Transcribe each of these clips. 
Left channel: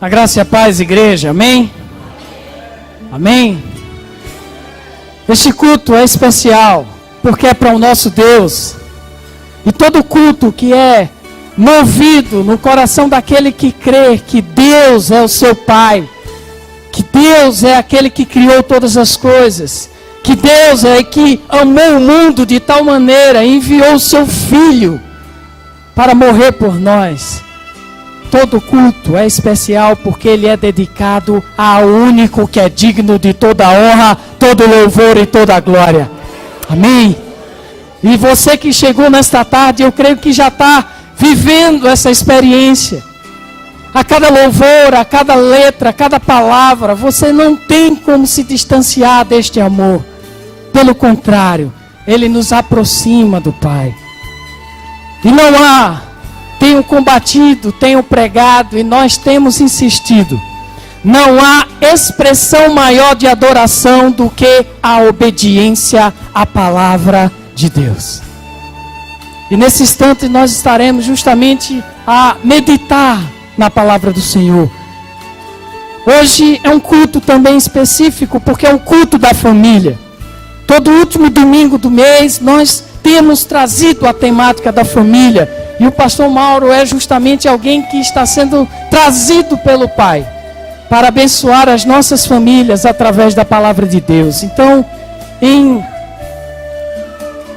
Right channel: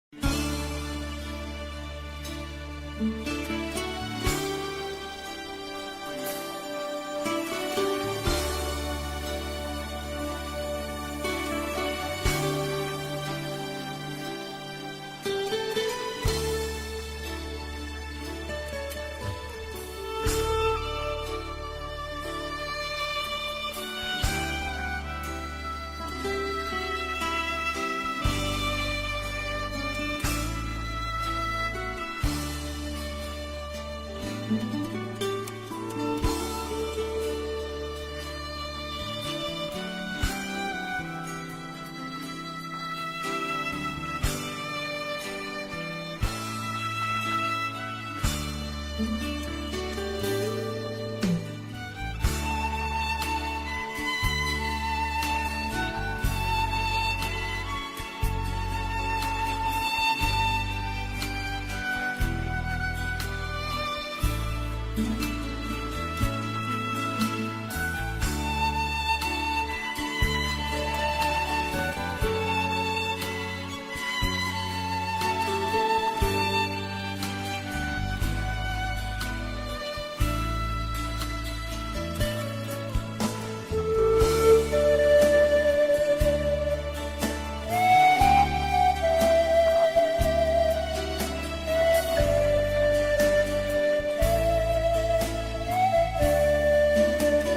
A graça e a paz, igreja, amém? Amém? Este culto é especial, porque é para o nosso Deus. E todo culto que é movido no coração daquele que crê que Deus é o seu Pai, que Deus é aquele que criou todas as coisas, que Deus é que amou o mundo de tal maneira, enviou o seu Filho para morrer por nós. Todo culto é especial porque ele é dedicado ao único que é digno de toda honra, todo louvor e toda glória. Amém? E você que chegou nesta tarde, eu creio que já está vivendo essa experiência. A cada louvor, a cada letra, a cada palavra, você não tem como se distanciar deste amor. Pelo contrário, ele nos aproxima do Pai. E não há... Tenho combatido, tenho pregado e nós temos insistido. Não há expressão maior de adoração do que a obediência à palavra de Deus. E nesse instante nós estaremos justamente a meditar na palavra do Senhor. Hoje é um culto também específico, porque é um culto da família. Todo último domingo do mês nós temos trazido a temática da família. E o pastor Mauro é justamente alguém que está sendo trazido pelo Pai para abençoar as nossas famílias através da palavra de Deus. Então, em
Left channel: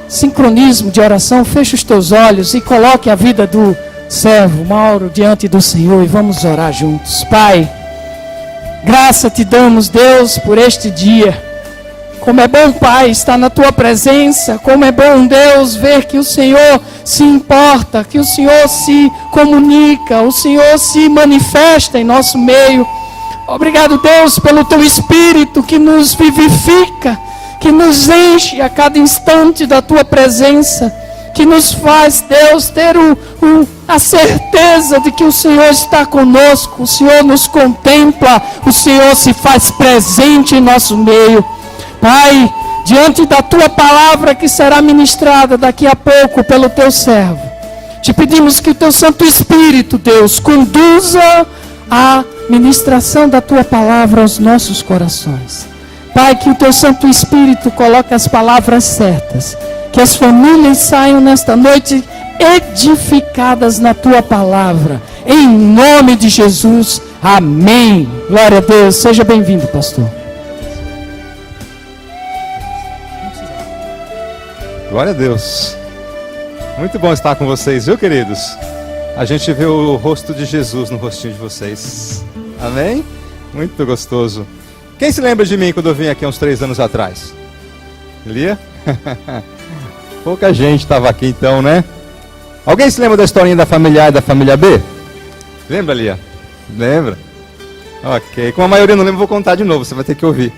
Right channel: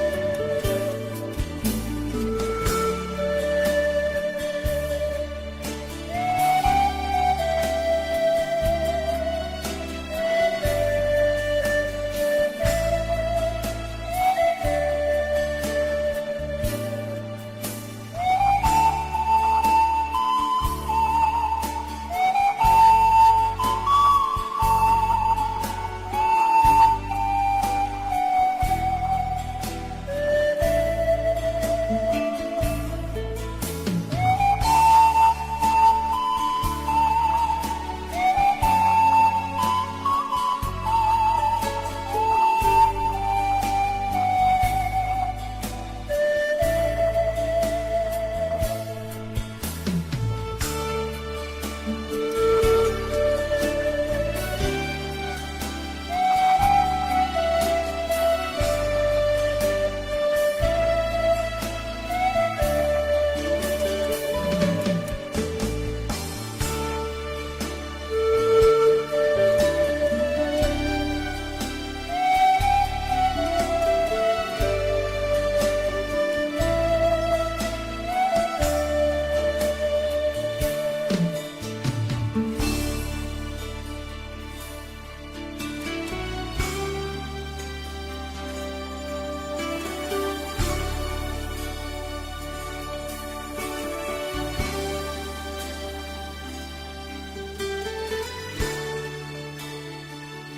sincronismo de oração, feche os teus olhos e coloque a vida do servo Mauro diante do Senhor e vamos orar juntos. Pai, graça te damos, Deus, por este dia. Como é bom, Pai, estar na Tua presença. Como é bom, Deus, ver que o Senhor se importa, que o Senhor se comunica, o Senhor se manifesta em nosso meio. Obrigado, Deus, pelo Teu Espírito que nos vivifica, que nos enche a cada instante da Tua presença, que nos faz, Deus, ter a certeza de que o Senhor está conosco, o Senhor nos contempla, o Senhor se faz presente em nosso meio. Pai, diante da Tua palavra que será ministrada daqui a pouco pelo Teu servo, te pedimos que o Teu Santo Espírito, Deus, conduza a ministração da Tua palavra aos nossos corações. Pai, que o Teu Santo Espírito coloque as palavras certas, que as famílias saiam nesta noite edificadas na Tua palavra, em nome de Jesus, amém. Glória a Deus, seja bem-vindo, pastor. Glória a Deus. Muito bom estar com vocês, viu, queridos? A gente vê o rosto de Jesus no rostinho de vocês. Amém? Muito gostoso. Quem se lembra de mim quando eu vim aqui há uns 3 anos atrás? Lia? Pouca gente estava aqui então, né? Alguém se lembra da historinha da família A e da família B? Lembra, Lia? Lembra? Ok. Como a maioria não lembra, eu vou contar de novo, você vai ter que ouvir.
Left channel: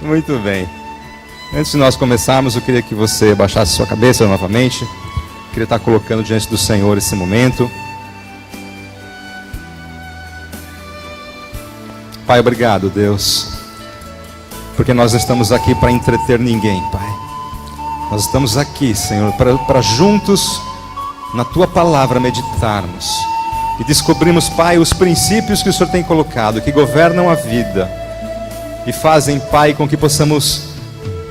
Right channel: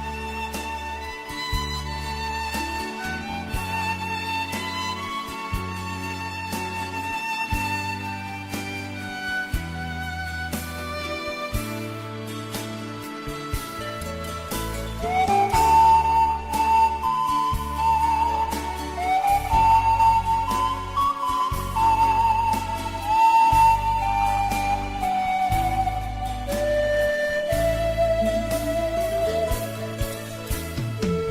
Muito bem. Antes de nós começarmos, eu queria que você baixasse sua cabeça novamente. Eu queria estar colocando diante do Senhor esse momento. Pai, obrigado, Deus, porque nós estamos aqui para entreter ninguém, Pai. Nós estamos aqui, Senhor, para juntos, na Tua palavra, meditarmos e descobrirmos, Pai, os princípios que o Senhor tem colocado, que governam a vida e fazem, Pai, com que possamos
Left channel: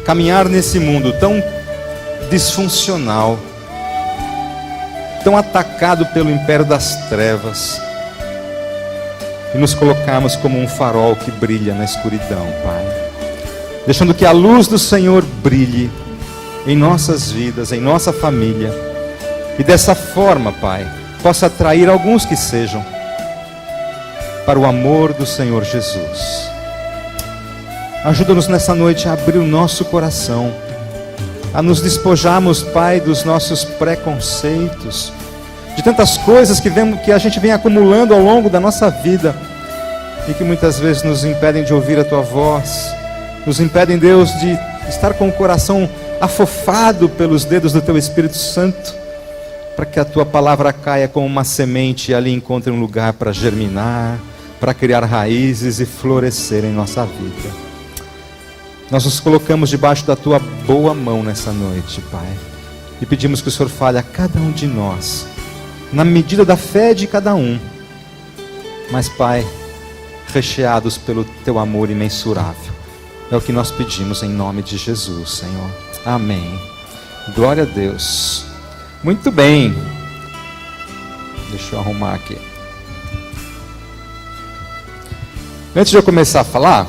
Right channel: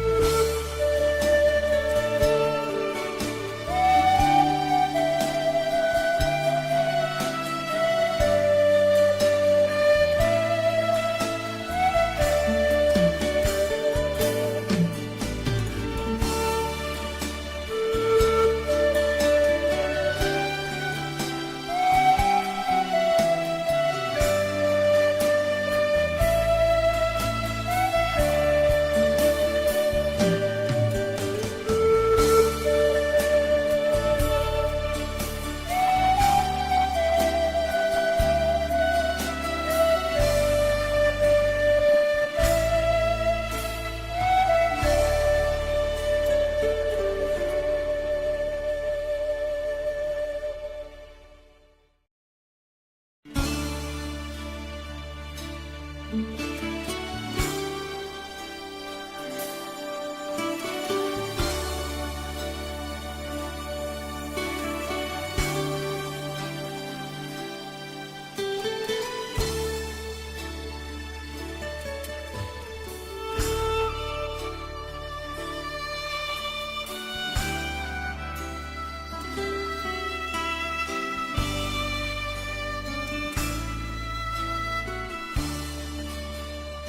caminhar nesse mundo tão disfuncional, tão atacado pelo império das trevas, e nos colocarmos como um farol que brilha na escuridão, Pai, deixando que a luz do Senhor brilhe em nossas vidas, em nossa família, e dessa forma, Pai, possa atrair alguns que sejam para o amor do Senhor Jesus. Ajuda-nos nessa noite a abrir o nosso coração, a nos despojarmos, Pai, dos nossos preconceitos, de tantas coisas que a gente vem acumulando ao longo da nossa vida e que muitas vezes nos impedem de ouvir a Tua voz, nos impedem, Deus, de estar com o coração afofado pelos dedos do Teu Espírito Santo, para que a Tua palavra caia como uma semente e ali encontre um lugar para germinar, para criar raízes e florescer em nossa vida. Nós nos colocamos debaixo da Tua boa mão nessa noite, Pai, e pedimos que o Senhor fale a cada um de nós, na medida da fé de cada um, mas, Pai, recheados pelo Teu amor imensurável. É o que nós pedimos em nome de Jesus, Senhor. Amém. Glória a Deus. Muito bem. Deixa eu arrumar aqui. Antes de eu começar a falar,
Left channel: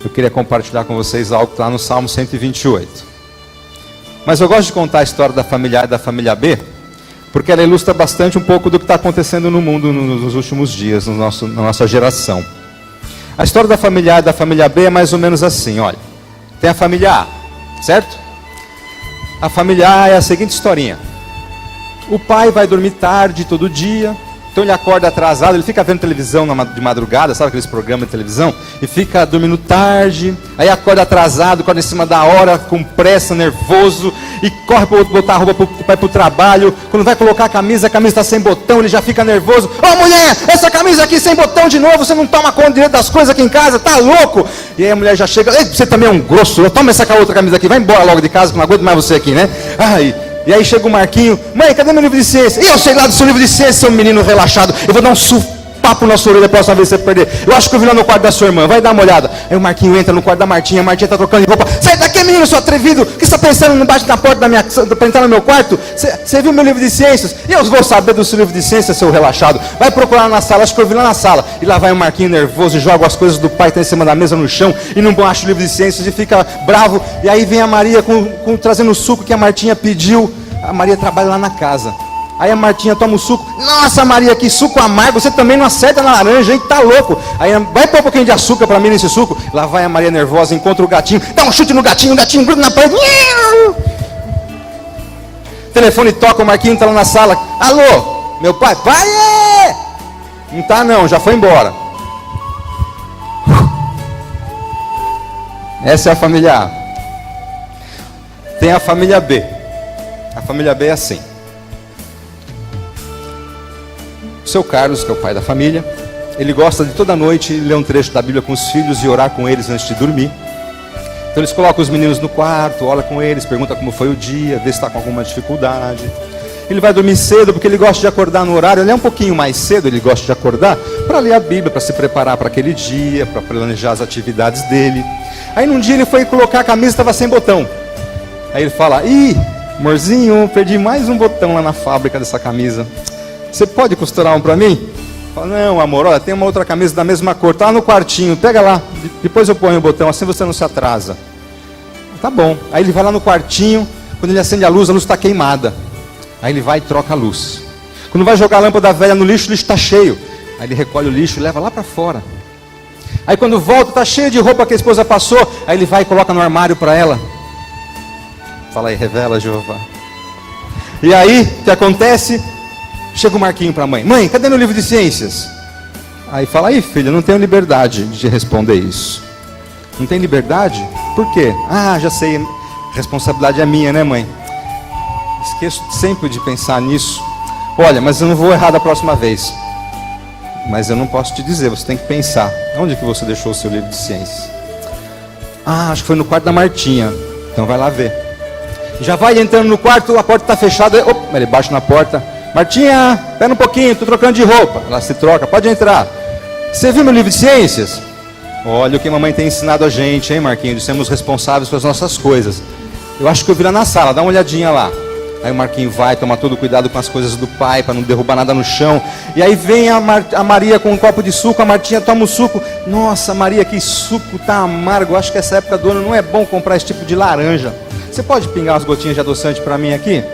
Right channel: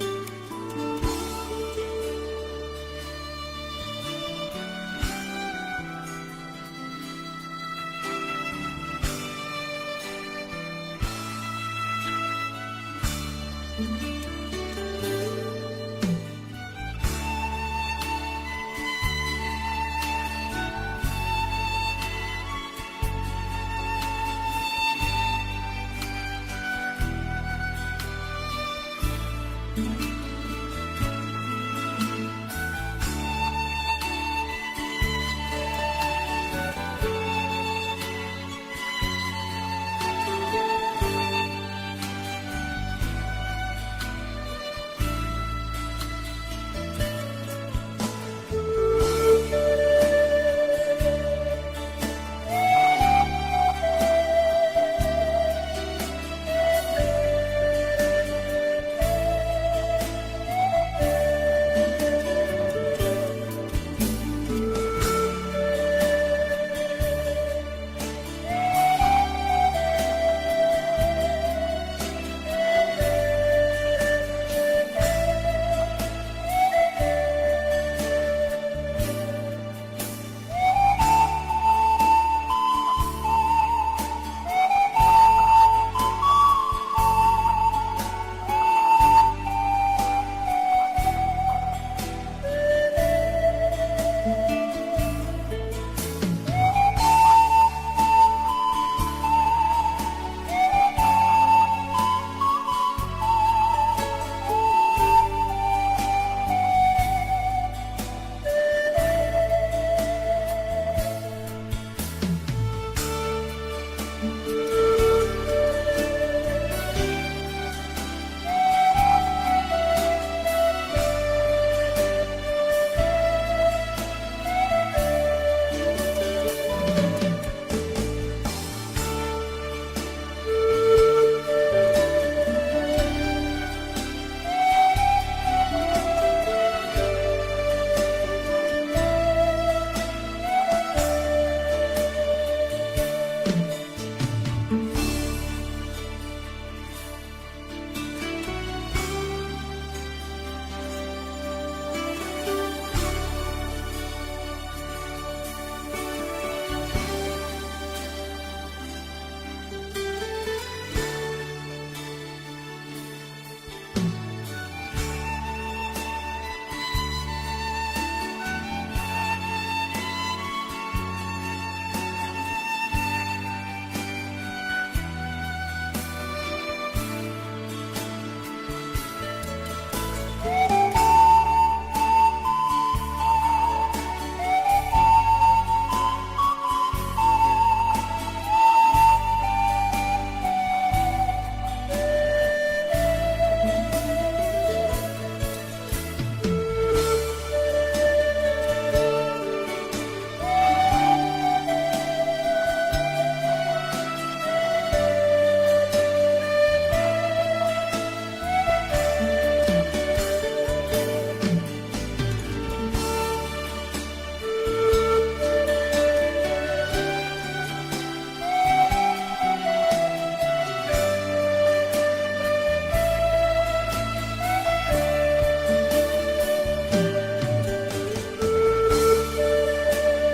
eu queria compartilhar com vocês algo que está no Salmo 128. Mas eu gosto de contar a história da família A e da família B, porque ela ilustra bastante um pouco do que está acontecendo no mundo nos últimos dias, na nossa geração. A história da família A e da família B é mais ou menos assim, olha. Tem a família A, certo? A família A é a seguinte historinha. O pai vai dormir tarde todo dia, então ele acorda atrasado, ele fica vendo televisão de madrugada, sabe aqueles programas de televisão? E fica dormindo tarde, aí acorda atrasado, acorda em cima da hora, com pressa, nervoso, e corre para botar a roupa para ir para o trabalho. Quando vai colocar a camisa está sem botão, ele já fica nervoso. Ô mulher, essa camisa aqui sem botão de novo, você não toma conta direito das coisas aqui em casa, tá louco? E aí a mulher já chega, ei, você também é um grosso, toma essa outra camisa aqui, vai embora logo de casa, que não aguento mais você aqui, né? E aí chega o Marquinho, mãe, cadê meu livro de ciência? Eu sei lá do seu livro de ciência, seu menino relaxado, eu vou dar um papo na sua orelha a próxima vez que você perder. Eu acho que eu vi lá no quarto da sua irmã, vai dar uma olhada. Aí o Marquinho entra no quarto da Martinha, a Martinha tá trocando de roupa. Sai daqui, menino, seu atrevido, o que você tá pensando embaixo da porta da minha, pra entrar no meu quarto? Você viu meu livro de ciências? E eu vou saber do seu livro de ciências, seu relaxado. Vai procurar na sala, acho que eu vi lá na sala. E lá vai o Marquinho nervoso, joga as coisas do pai que tá em cima da mesa no chão, e não acha o livro de ciências e fica bravo. E aí vem a Maria trazendo o suco que a Martinha pediu. A Maria trabalha lá na casa. Aí a Martinha toma o suco. Nossa, Maria, que suco amargo. Você também não acerta na laranja, hein? Tá louco. Aí vai pôr um pouquinho de açúcar pra mim nesse suco. Lá vai a Maria nervosa, encontra o gatinho. Dá um chute no gatinho, o gatinho gruda na parede. O telefone toca, o Marquinho tá lá na sala. Alô, meu pai? Pai! Não tá não, já foi embora. Essa é a família A. Tem a família B. A família B é assim. O seu Carlos, que é o pai da família, ele gosta de toda noite ler um trecho da Bíblia com os filhos e orar com eles antes de dormir. Então eles colocam os meninos no quarto, ora com eles, pergunta como foi o dia, vê se está com alguma dificuldade. Ele vai dormir cedo porque ele gosta de acordar no horário, ele é um pouquinho mais cedo, ele gosta de acordar para ler a Bíblia, para se preparar para aquele dia, para planejar as atividades dele. Aí num dia ele foi colocar a camisa, estava sem botão. Aí ele fala, ih, amorzinho, perdi mais um botão lá na fábrica dessa camisa. Você pode costurar um para mim? Fala, não, amor, olha, tem uma outra camisa da mesma cor, tá no quartinho, pega lá, depois eu ponho o botão, assim você não se atrasa. Tá bom. Aí ele vai lá no quartinho, quando ele acende a luz está queimada. Aí ele vai e troca a luz. Quando vai jogar a lâmpada velha no lixo, o lixo está cheio. Aí ele recolhe o lixo e leva lá para fora. Aí quando volta, está cheio de roupa que a esposa passou. Aí ele vai e coloca no armário para ela. Fala aí, revela, Jeová. E aí, o que acontece? Chega o Marquinho para a mãe. Mãe, cadê meu livro de ciências? Aí fala, aí filha, não tenho liberdade de responder isso. Não tem liberdade? Por quê? Ah, já sei, responsabilidade é minha, né mãe? Esqueço sempre de pensar nisso. Olha, mas eu não vou errar da próxima vez. Mas eu não posso te dizer, você tem que pensar. Onde que você deixou o seu livro de ciências? Ah, acho que foi no quarto da Martinha. Então vai lá ver. Já vai entrando no quarto, a porta está fechada. Opa, ele bate na porta. Martinha, espera um pouquinho, estou trocando de roupa. Ela se troca, pode entrar. Você viu meu livro de ciências? Olha o que a mamãe tem ensinado a gente, hein, Marquinho? De sermos responsáveis pelas nossas coisas. Eu acho que eu vi lá na sala, dá uma olhadinha lá. Aí o Marquinho vai, toma todo cuidado com as coisas do pai, para não derrubar nada no chão. E aí vem a Maria com um copo de suco, a Martinha toma o suco. Nossa, Maria, que suco tá amargo. Acho que essa época do ano não é bom comprar esse tipo de laranja. Você pode pingar umas gotinhas de adoçante para mim aqui?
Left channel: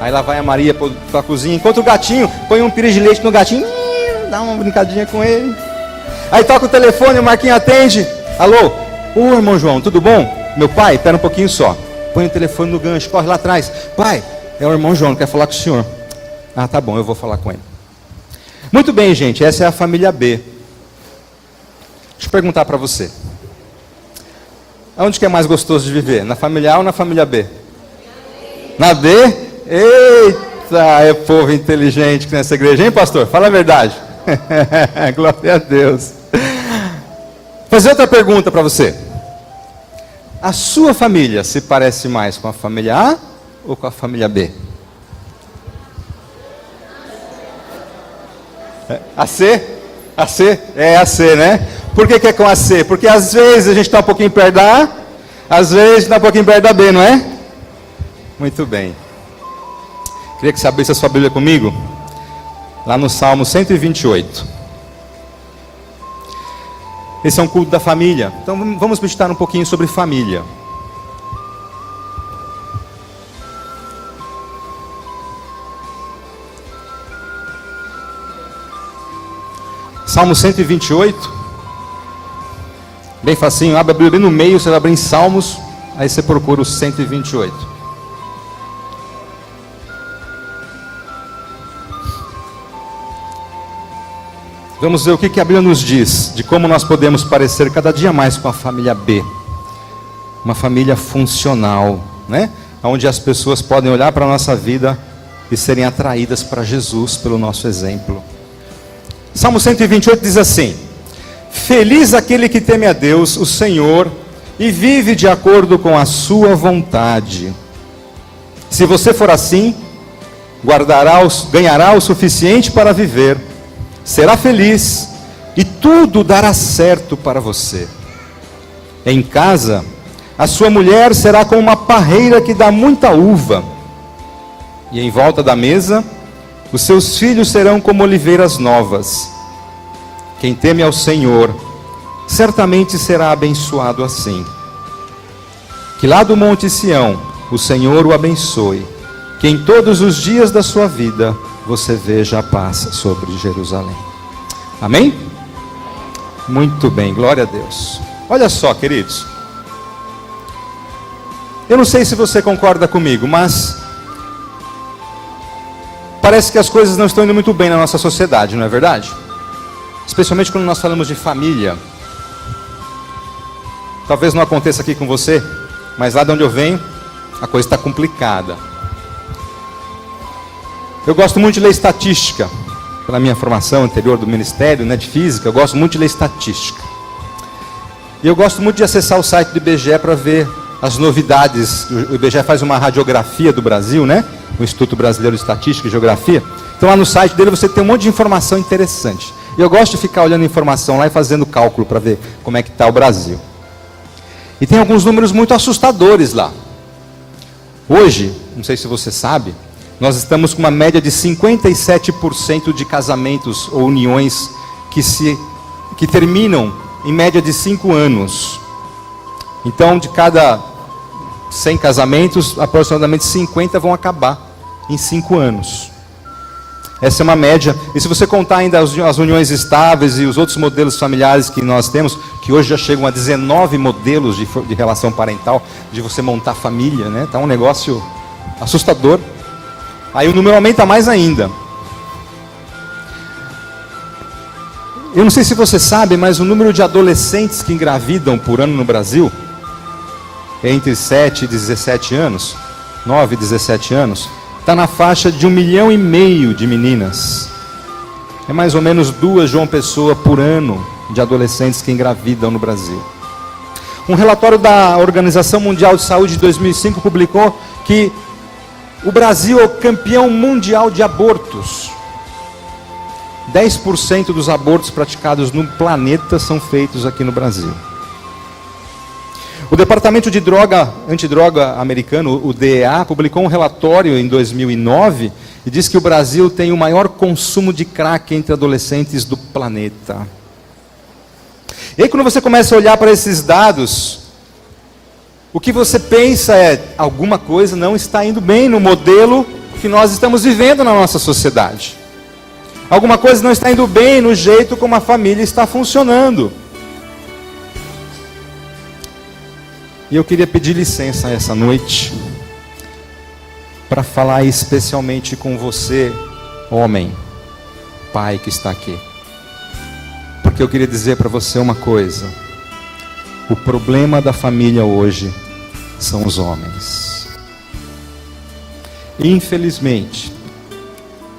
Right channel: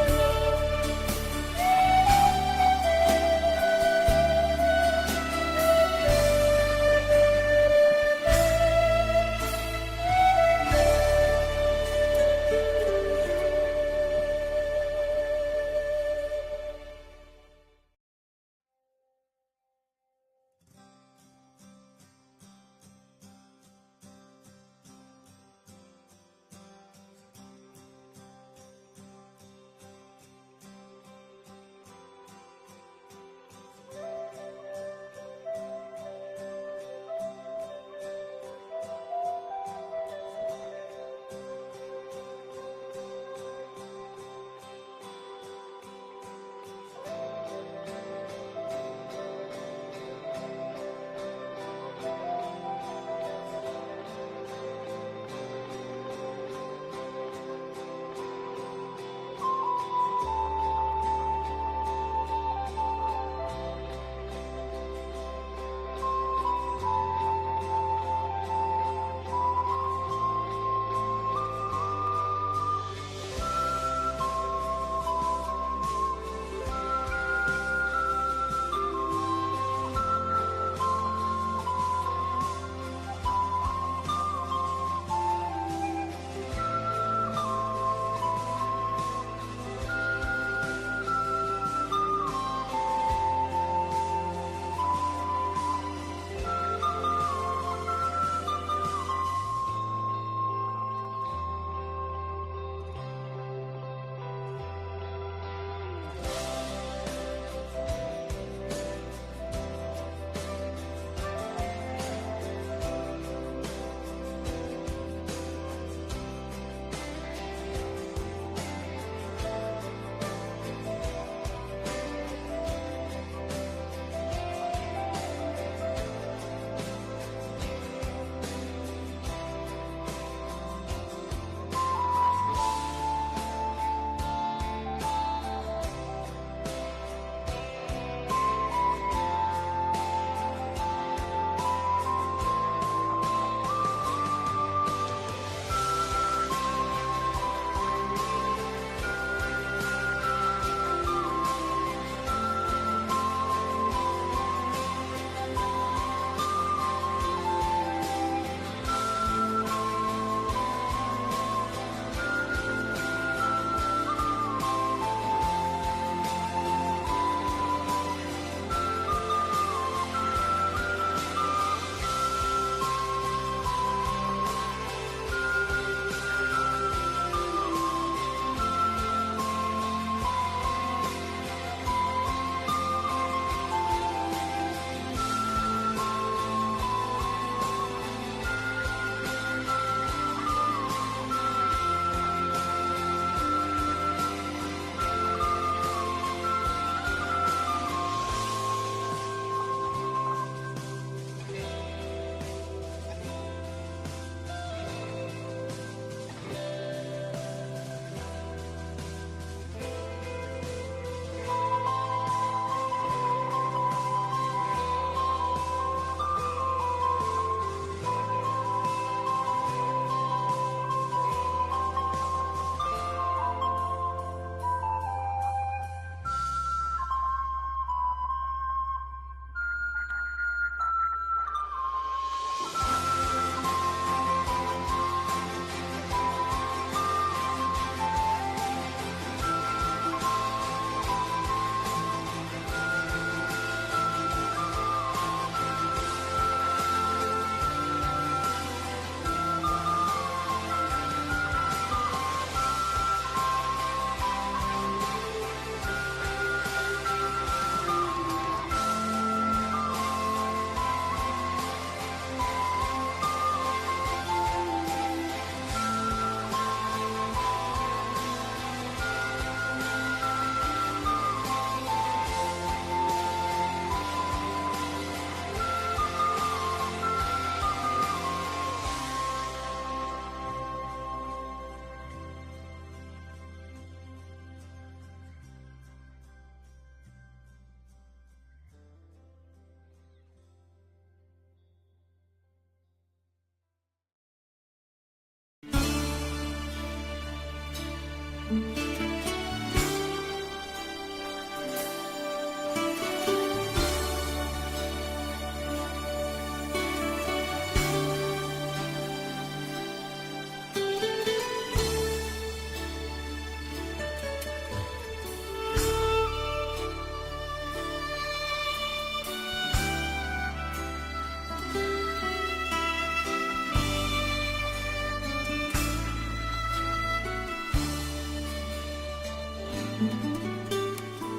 Aí lá vai a Maria para a cozinha, encontra o gatinho, põe um pires de leite no gatinho, dá uma brincadinha com ele. Aí toca o telefone, o Marquinho atende. Alô? Ô, irmão João, tudo bom? Meu pai, espera um pouquinho só. Põe o telefone no gancho, corre lá atrás. Pai, é o irmão João, quer falar com o senhor. Ah, tá bom, eu vou falar com ele. Muito bem, gente, essa é a família B. Deixa eu perguntar para você. Onde que é mais gostoso de viver? Na família A ou na família B? Na B? Eita, é povo inteligente que nessa igreja, hein, pastor? Fala a verdade. Glória a Deus. Vou fazer outra pergunta para você. A sua família se parece mais com a família A ou com a família B? AC? AC? É AC, né? Por que é com AC? Porque às vezes a gente está um pouquinho perto da A, às vezes está um pouquinho perto da B, não é? Muito bem. Queria que você abrisse a sua Bíblia comigo, lá no Salmo 128. Esse é um culto da família. Então vamos meditar um pouquinho sobre família. Salmo 128. Bem facinho, abre a Bíblia bem no meio, você vai abrir em Salmos, aí você procura o 128. Vamos ver o que a Bíblia nos diz de como nós podemos parecer cada dia mais com a família B. Uma família funcional, né? Onde as pessoas podem olhar para a nossa vida e serem atraídas para Jesus pelo nosso exemplo. Salmo 128 diz assim: feliz aquele que teme a Deus, o Senhor, e vive de acordo com a sua vontade. Se você for assim, ganhará o suficiente para viver, será feliz e tudo dará certo para você. Em casa, a sua mulher será como uma parreira que dá muita uva, e em volta da mesa, os seus filhos serão como oliveiras novas. Quem teme ao Senhor, certamente será abençoado assim. Que lá do Monte Sião, o Senhor o abençoe, que em todos os dias da sua vida, você veja a paz sobre Jerusalém. Amém? Muito bem, glória a Deus. Olha só, queridos. Eu não sei se você concorda comigo, mas parece que as coisas não estão indo muito bem na nossa sociedade, não é verdade? Especialmente quando nós falamos de família. Talvez não aconteça aqui com você, mas lá de onde eu venho, a coisa está complicada. Eu gosto muito de ler estatística. Pela minha formação anterior do Ministério, né, de Física, eu gosto muito de ler estatística. E eu gosto muito de acessar o site do IBGE para ver as novidades. O IBGE faz uma radiografia do Brasil, né? O Instituto Brasileiro de Estatística e Geografia. Então lá no site dele você tem um monte de informação interessante. E eu gosto de ficar olhando informação lá e fazendo cálculo para ver como é que está o Brasil. E tem alguns números muito assustadores lá. Hoje, não sei se você sabe, nós estamos com uma média de 57% de casamentos ou uniões que terminam em média de 5 anos. Então, de cada 100 casamentos, aproximadamente 50 vão acabar em 5 anos. Essa é uma média. E se você contar ainda as uniões estáveis e os outros modelos familiares que nós temos, que hoje já chegam a 19 modelos de relação parental, de você montar família, né? Tá um negócio assustador. Aí o número aumenta mais ainda. Eu não sei se você sabe, mas o número de adolescentes que engravidam por ano no Brasil é entre 7 e 17 anos, 9 e 17 anos, está na faixa de 1,5 milhão de meninas. É mais ou menos 2 João Pessoa por ano de adolescentes que engravidam no Brasil. Um relatório da Organização Mundial de Saúde de 2005 publicou que o Brasil é o campeão mundial de abortos. 10% dos abortos praticados no planeta são feitos aqui no Brasil. O Departamento de Antidroga americano, o DEA, publicou um relatório em 2009 e diz que o Brasil tem o maior consumo de crack entre adolescentes do planeta. E aí quando você começa a olhar para esses dados, o que você pensa é, alguma coisa não está indo bem no modelo que nós estamos vivendo na nossa sociedade. Alguma coisa não está indo bem no jeito como a família está funcionando. E eu queria pedir licença essa noite para falar especialmente com você, homem, pai que está aqui. Porque eu queria dizer para você uma coisa. O problema da família hoje são os homens. Infelizmente,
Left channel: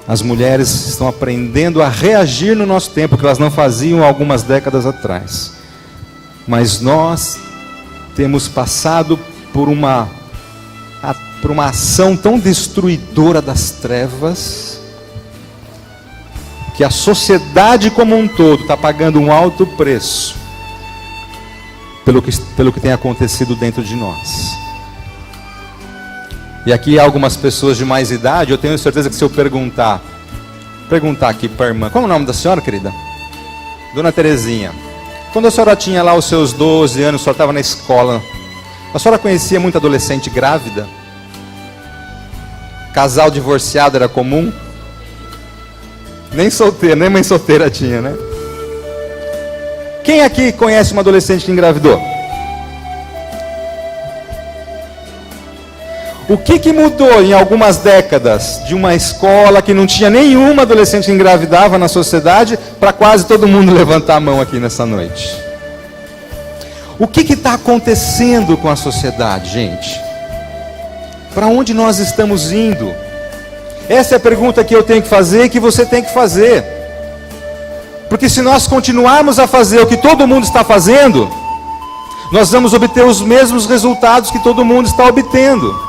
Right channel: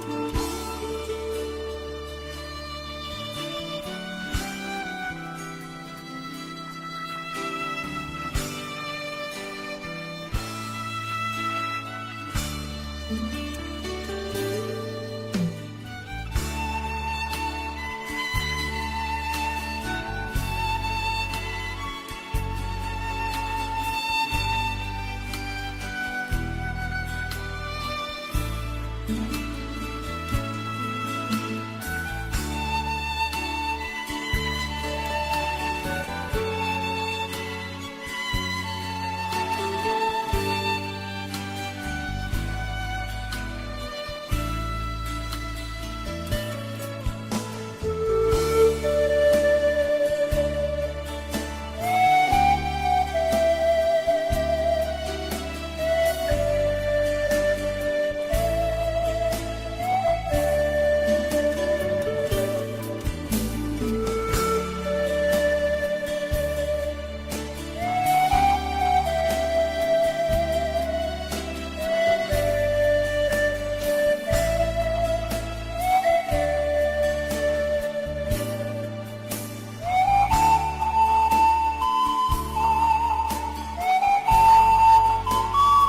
as mulheres estão aprendendo a reagir no nosso tempo, que elas não faziam algumas décadas atrás. Mas nós temos passado por uma ação tão destruidora das trevas, que a sociedade como um todo está pagando um alto preço pelo que tem acontecido dentro de nós. E aqui há algumas pessoas de mais idade, eu tenho certeza que se eu perguntar aqui para a irmã, qual é o nome da senhora, querida? Dona Terezinha. Quando a senhora tinha lá os seus 12 anos, a senhora estava na escola, a senhora conhecia muita adolescente grávida? Casal divorciado era comum? Nem solteira, nem mãe solteira tinha, né? Quem aqui conhece uma adolescente que engravidou? O que mudou em algumas décadas de uma escola que não tinha nenhuma adolescente que engravidava na sociedade para quase todo mundo levantar a mão aqui nessa noite? O que está acontecendo com a sociedade, gente? Para onde nós estamos indo? Essa é a pergunta que eu tenho que fazer e que você tem que fazer. Porque se nós continuarmos a fazer o que todo mundo está fazendo, nós vamos obter os mesmos resultados que todo mundo está obtendo.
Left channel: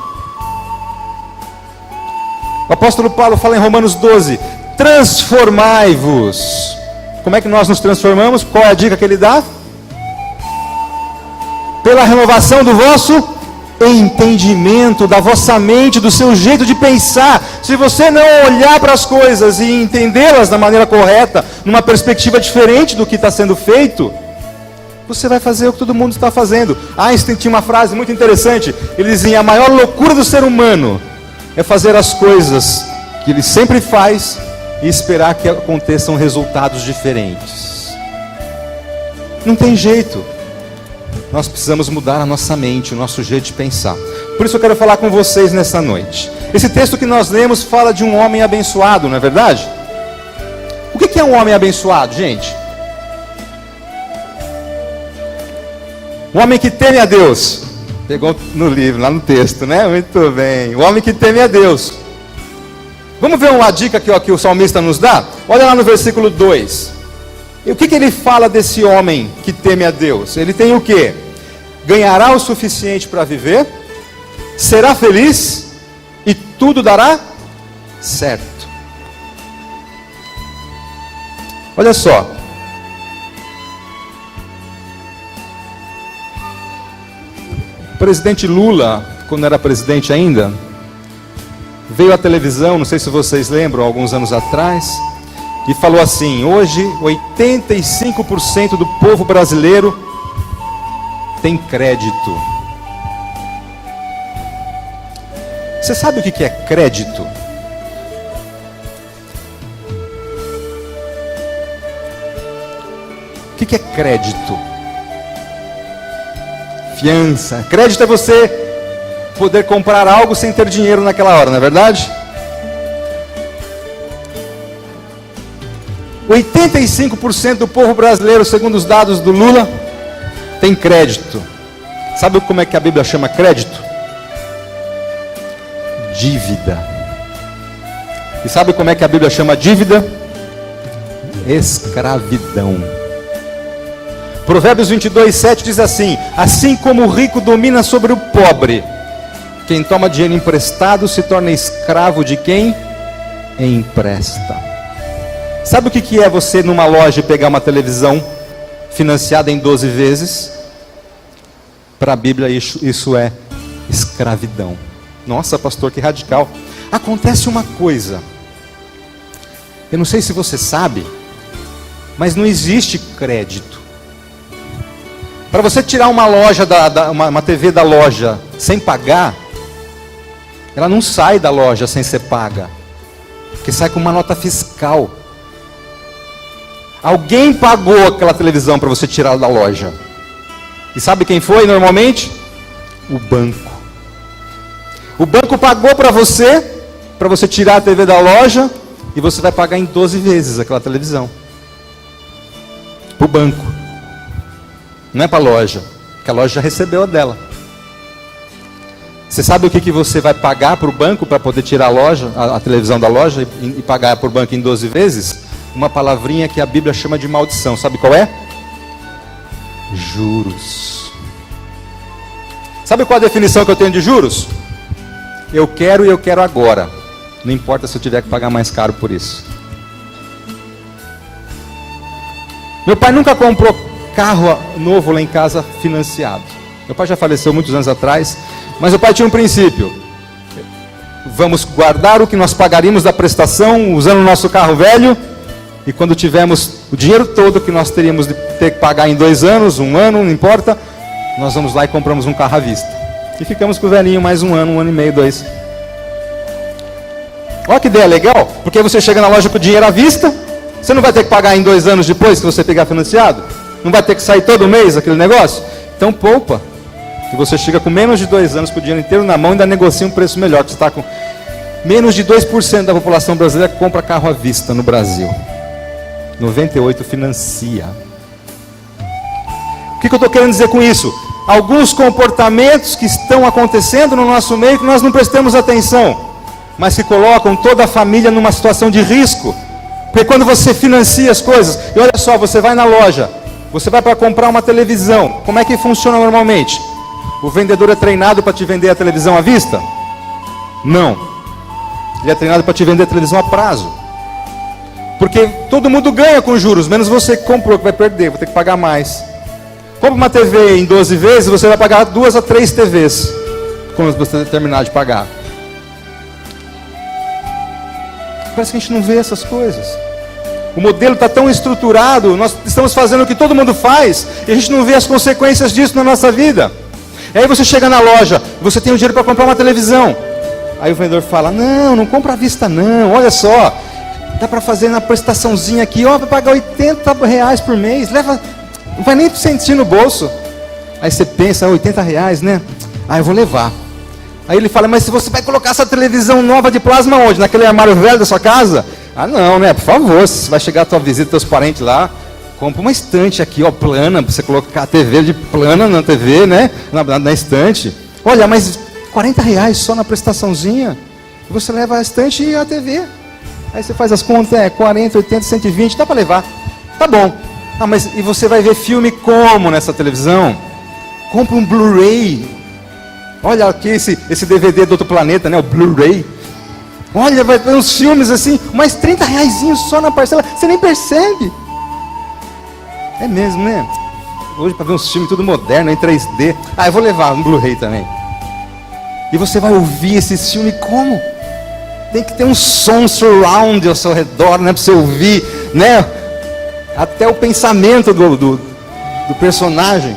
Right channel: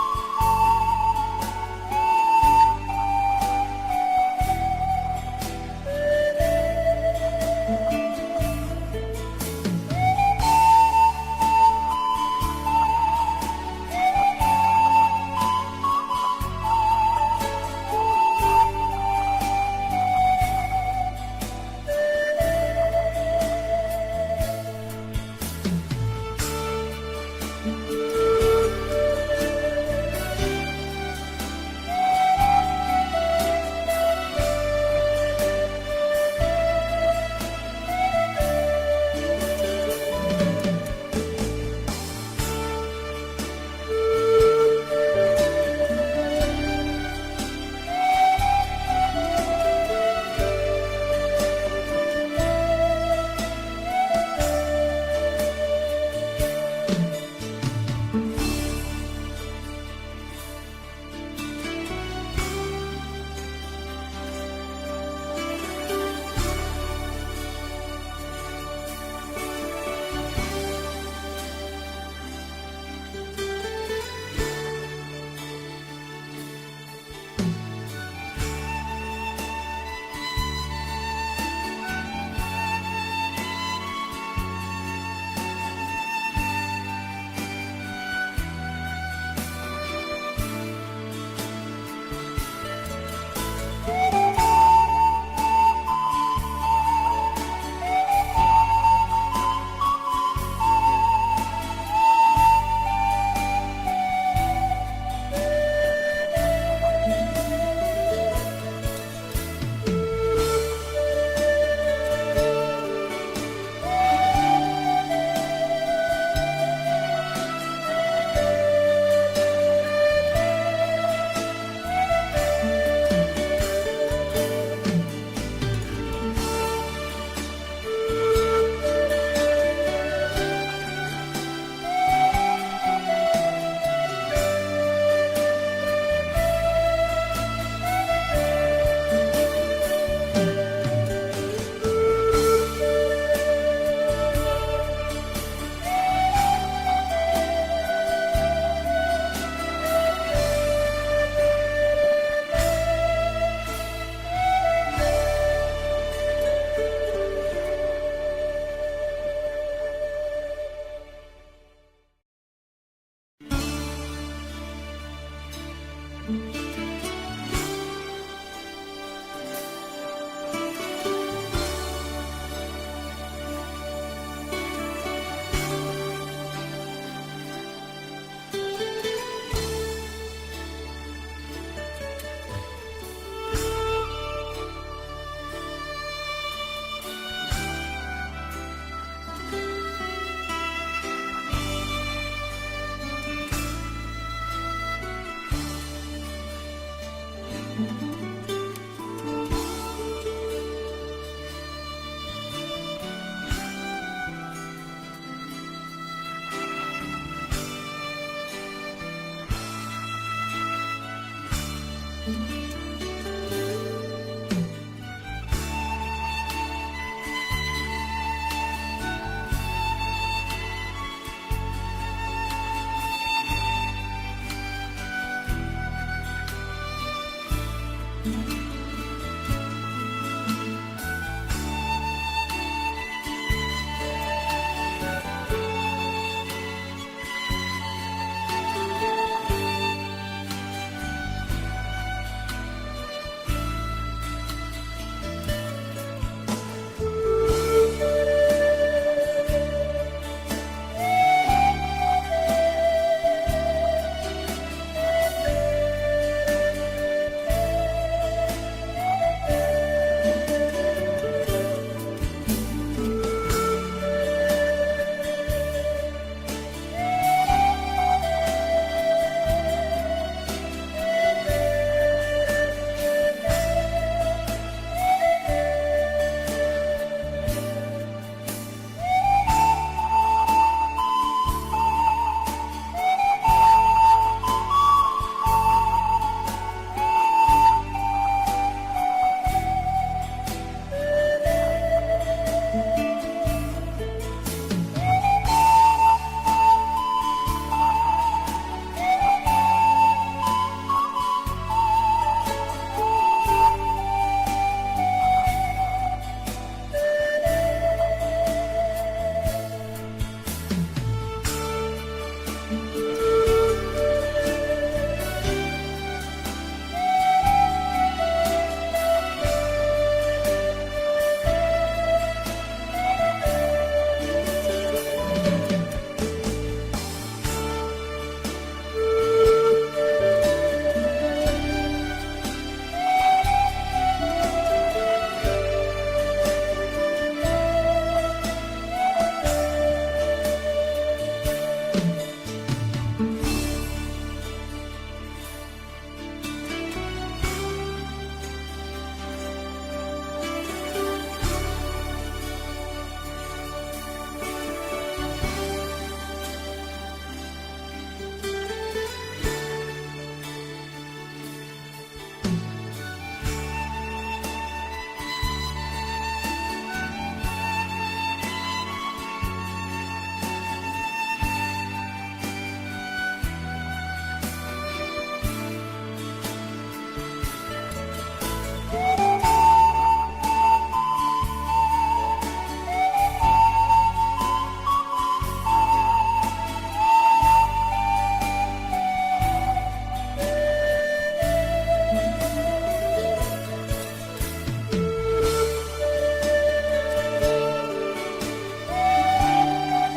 O apóstolo Paulo fala em Romanos 12, transformai-vos. Como é que nós nos transformamos? Qual é a dica que ele dá? Pela renovação do vosso entendimento, da vossa mente, do seu jeito de pensar. Se você não olhar para as coisas e entendê-las da maneira correta, numa perspectiva diferente do que está sendo feito, você vai fazer o que todo mundo está fazendo. Einstein tinha uma frase muito interessante. Ele dizia: a maior loucura do ser humano é fazer as coisas que ele sempre faz e esperar que aconteçam resultados diferentes. Não tem jeito. Nós precisamos mudar a nossa mente, o nosso jeito de pensar. Por isso eu quero falar com vocês nessa noite. Esse texto que nós lemos fala de um homem abençoado, não é verdade? O que é um homem abençoado, gente? Um homem que teme a Deus. Pegou no livro, lá no texto, né? Muito bem. O homem que teme a Deus. Vamos ver uma dica que o salmista nos dá? Olha lá no versículo 2. E o que ele fala desse homem que teme a Deus? Ele tem o quê? Ganhará o suficiente para viver, será feliz e tudo dará certo. Olha só. O presidente Lula, quando era presidente ainda, veio à televisão, não sei se vocês lembram, alguns anos atrás, e falou assim: hoje 85% do povo brasileiro tem crédito. Você sabe o que é crédito? O que é crédito? Fiança. Crédito é você poder comprar algo sem ter dinheiro naquela hora, não é verdade? 85% do povo brasileiro, segundo os dados do Lula, tem crédito. Sabe como é que a Bíblia chama crédito? Dívida. E sabe como é que a Bíblia chama dívida? Escravidão. Provérbios 22:7 diz assim: assim como o rico domina sobre o pobre, quem toma dinheiro emprestado se torna escravo de quem empresta. Sabe o que é você numa loja pegar uma televisão financiada em 12 vezes? Para a Bíblia isso é escravidão. Nossa, pastor, que radical. Acontece uma coisa, eu não sei se você sabe, mas não existe crédito. Para você tirar uma loja, uma TV da loja sem pagar, ela não sai da loja sem ser paga, porque sai com uma nota fiscal. Alguém pagou aquela televisão para você tirá-la da loja. E sabe quem foi normalmente? O banco. O banco pagou para você tirar a TV da loja, e você vai pagar em 12 vezes aquela televisão. Para o banco. Não é para a loja, porque a loja já recebeu a dela. Você sabe o que você vai pagar para o banco para poder tirar a televisão da loja e pagar para o banco em 12 vezes? Uma palavrinha que a Bíblia chama de maldição. Sabe qual é? Juros. Sabe qual a definição que eu tenho de juros? Eu quero e eu quero agora. Não importa se eu tiver que pagar mais caro por isso. Meu pai nunca comprou carro novo lá em casa financiado. Meu pai já faleceu muitos anos atrás, mas meu pai tinha um princípio: vamos guardar o que nós pagaríamos da prestação usando o nosso carro velho, e quando tivermos o dinheiro todo que nós teríamos de ter que pagar em 2 anos, 1 ano, não importa, nós vamos lá e compramos um carro à vista. E ficamos com o velhinho mais 1 ano, 1 ano e meio, 2. Olha que ideia legal, porque você chega na loja com o dinheiro à vista, você não vai ter que pagar em 2 anos depois que você pegar financiado, não vai ter que sair todo mês aquele negócio, então poupa. E você chega com menos de 2 anos com o dinheiro inteiro na mão e ainda negocia um preço melhor, que você está com menos de 2% da população brasileira que compra carro à vista no Brasil. 98% financia. O que eu estou querendo dizer com isso? Alguns comportamentos que estão acontecendo no nosso meio que nós não prestamos atenção, mas que colocam toda a família numa situação de risco. Porque quando você financia as coisas, e olha só, você vai na loja, você vai para comprar uma televisão, como é que funciona normalmente? O vendedor é treinado para te vender a televisão à vista? Não. Ele é treinado para te vender a televisão a prazo. Porque todo mundo ganha com juros, menos você que comprou, que vai perder, vai ter que pagar mais. Compra uma TV em 12 vezes, você vai pagar 2 a 3 TVs quando você terminar de pagar. Parece que a gente não vê essas coisas. O modelo está tão estruturado, nós estamos fazendo o que todo mundo faz, e a gente não vê as consequências disso na nossa vida. E aí você chega na loja, você tem o dinheiro para comprar uma televisão. Aí o vendedor fala: não compra à vista não, olha só, dá para fazer na prestaçãozinha aqui, ó, vai pagar R$80 por mês, leva, não vai nem sentir no bolso. Aí você pensa: R$80, né? Ah, eu vou levar. Aí ele fala: mas se você vai colocar essa televisão nova de plasma onde? Naquele armário velho da sua casa? Ah não, né? Por favor, se vai chegar a tua visita, teus parentes lá, compra uma estante aqui, ó, plana, pra você colocar a TV de plana na TV, né? Na estante. Olha, mas R$40 só na prestaçãozinha. Você leva a estante e a TV. Aí você faz as contas, 40, 80, 120, dá para levar. Tá bom. Ah, mas e você vai ver filme como nessa televisão? Compra um Blu-ray. Olha aqui esse DVD do outro planeta, né? O Blu-ray. Olha, vai ter uns filmes assim, mais R$30 só na parcela. Você nem percebe. É mesmo, né? Hoje para ver uns filmes tudo moderno, em 3D. Ah, eu vou levar um Blu-ray também. E você vai ouvir esse filme como? Tem que ter um som surround ao seu redor, né? Para você ouvir, né? Até o pensamento do personagem.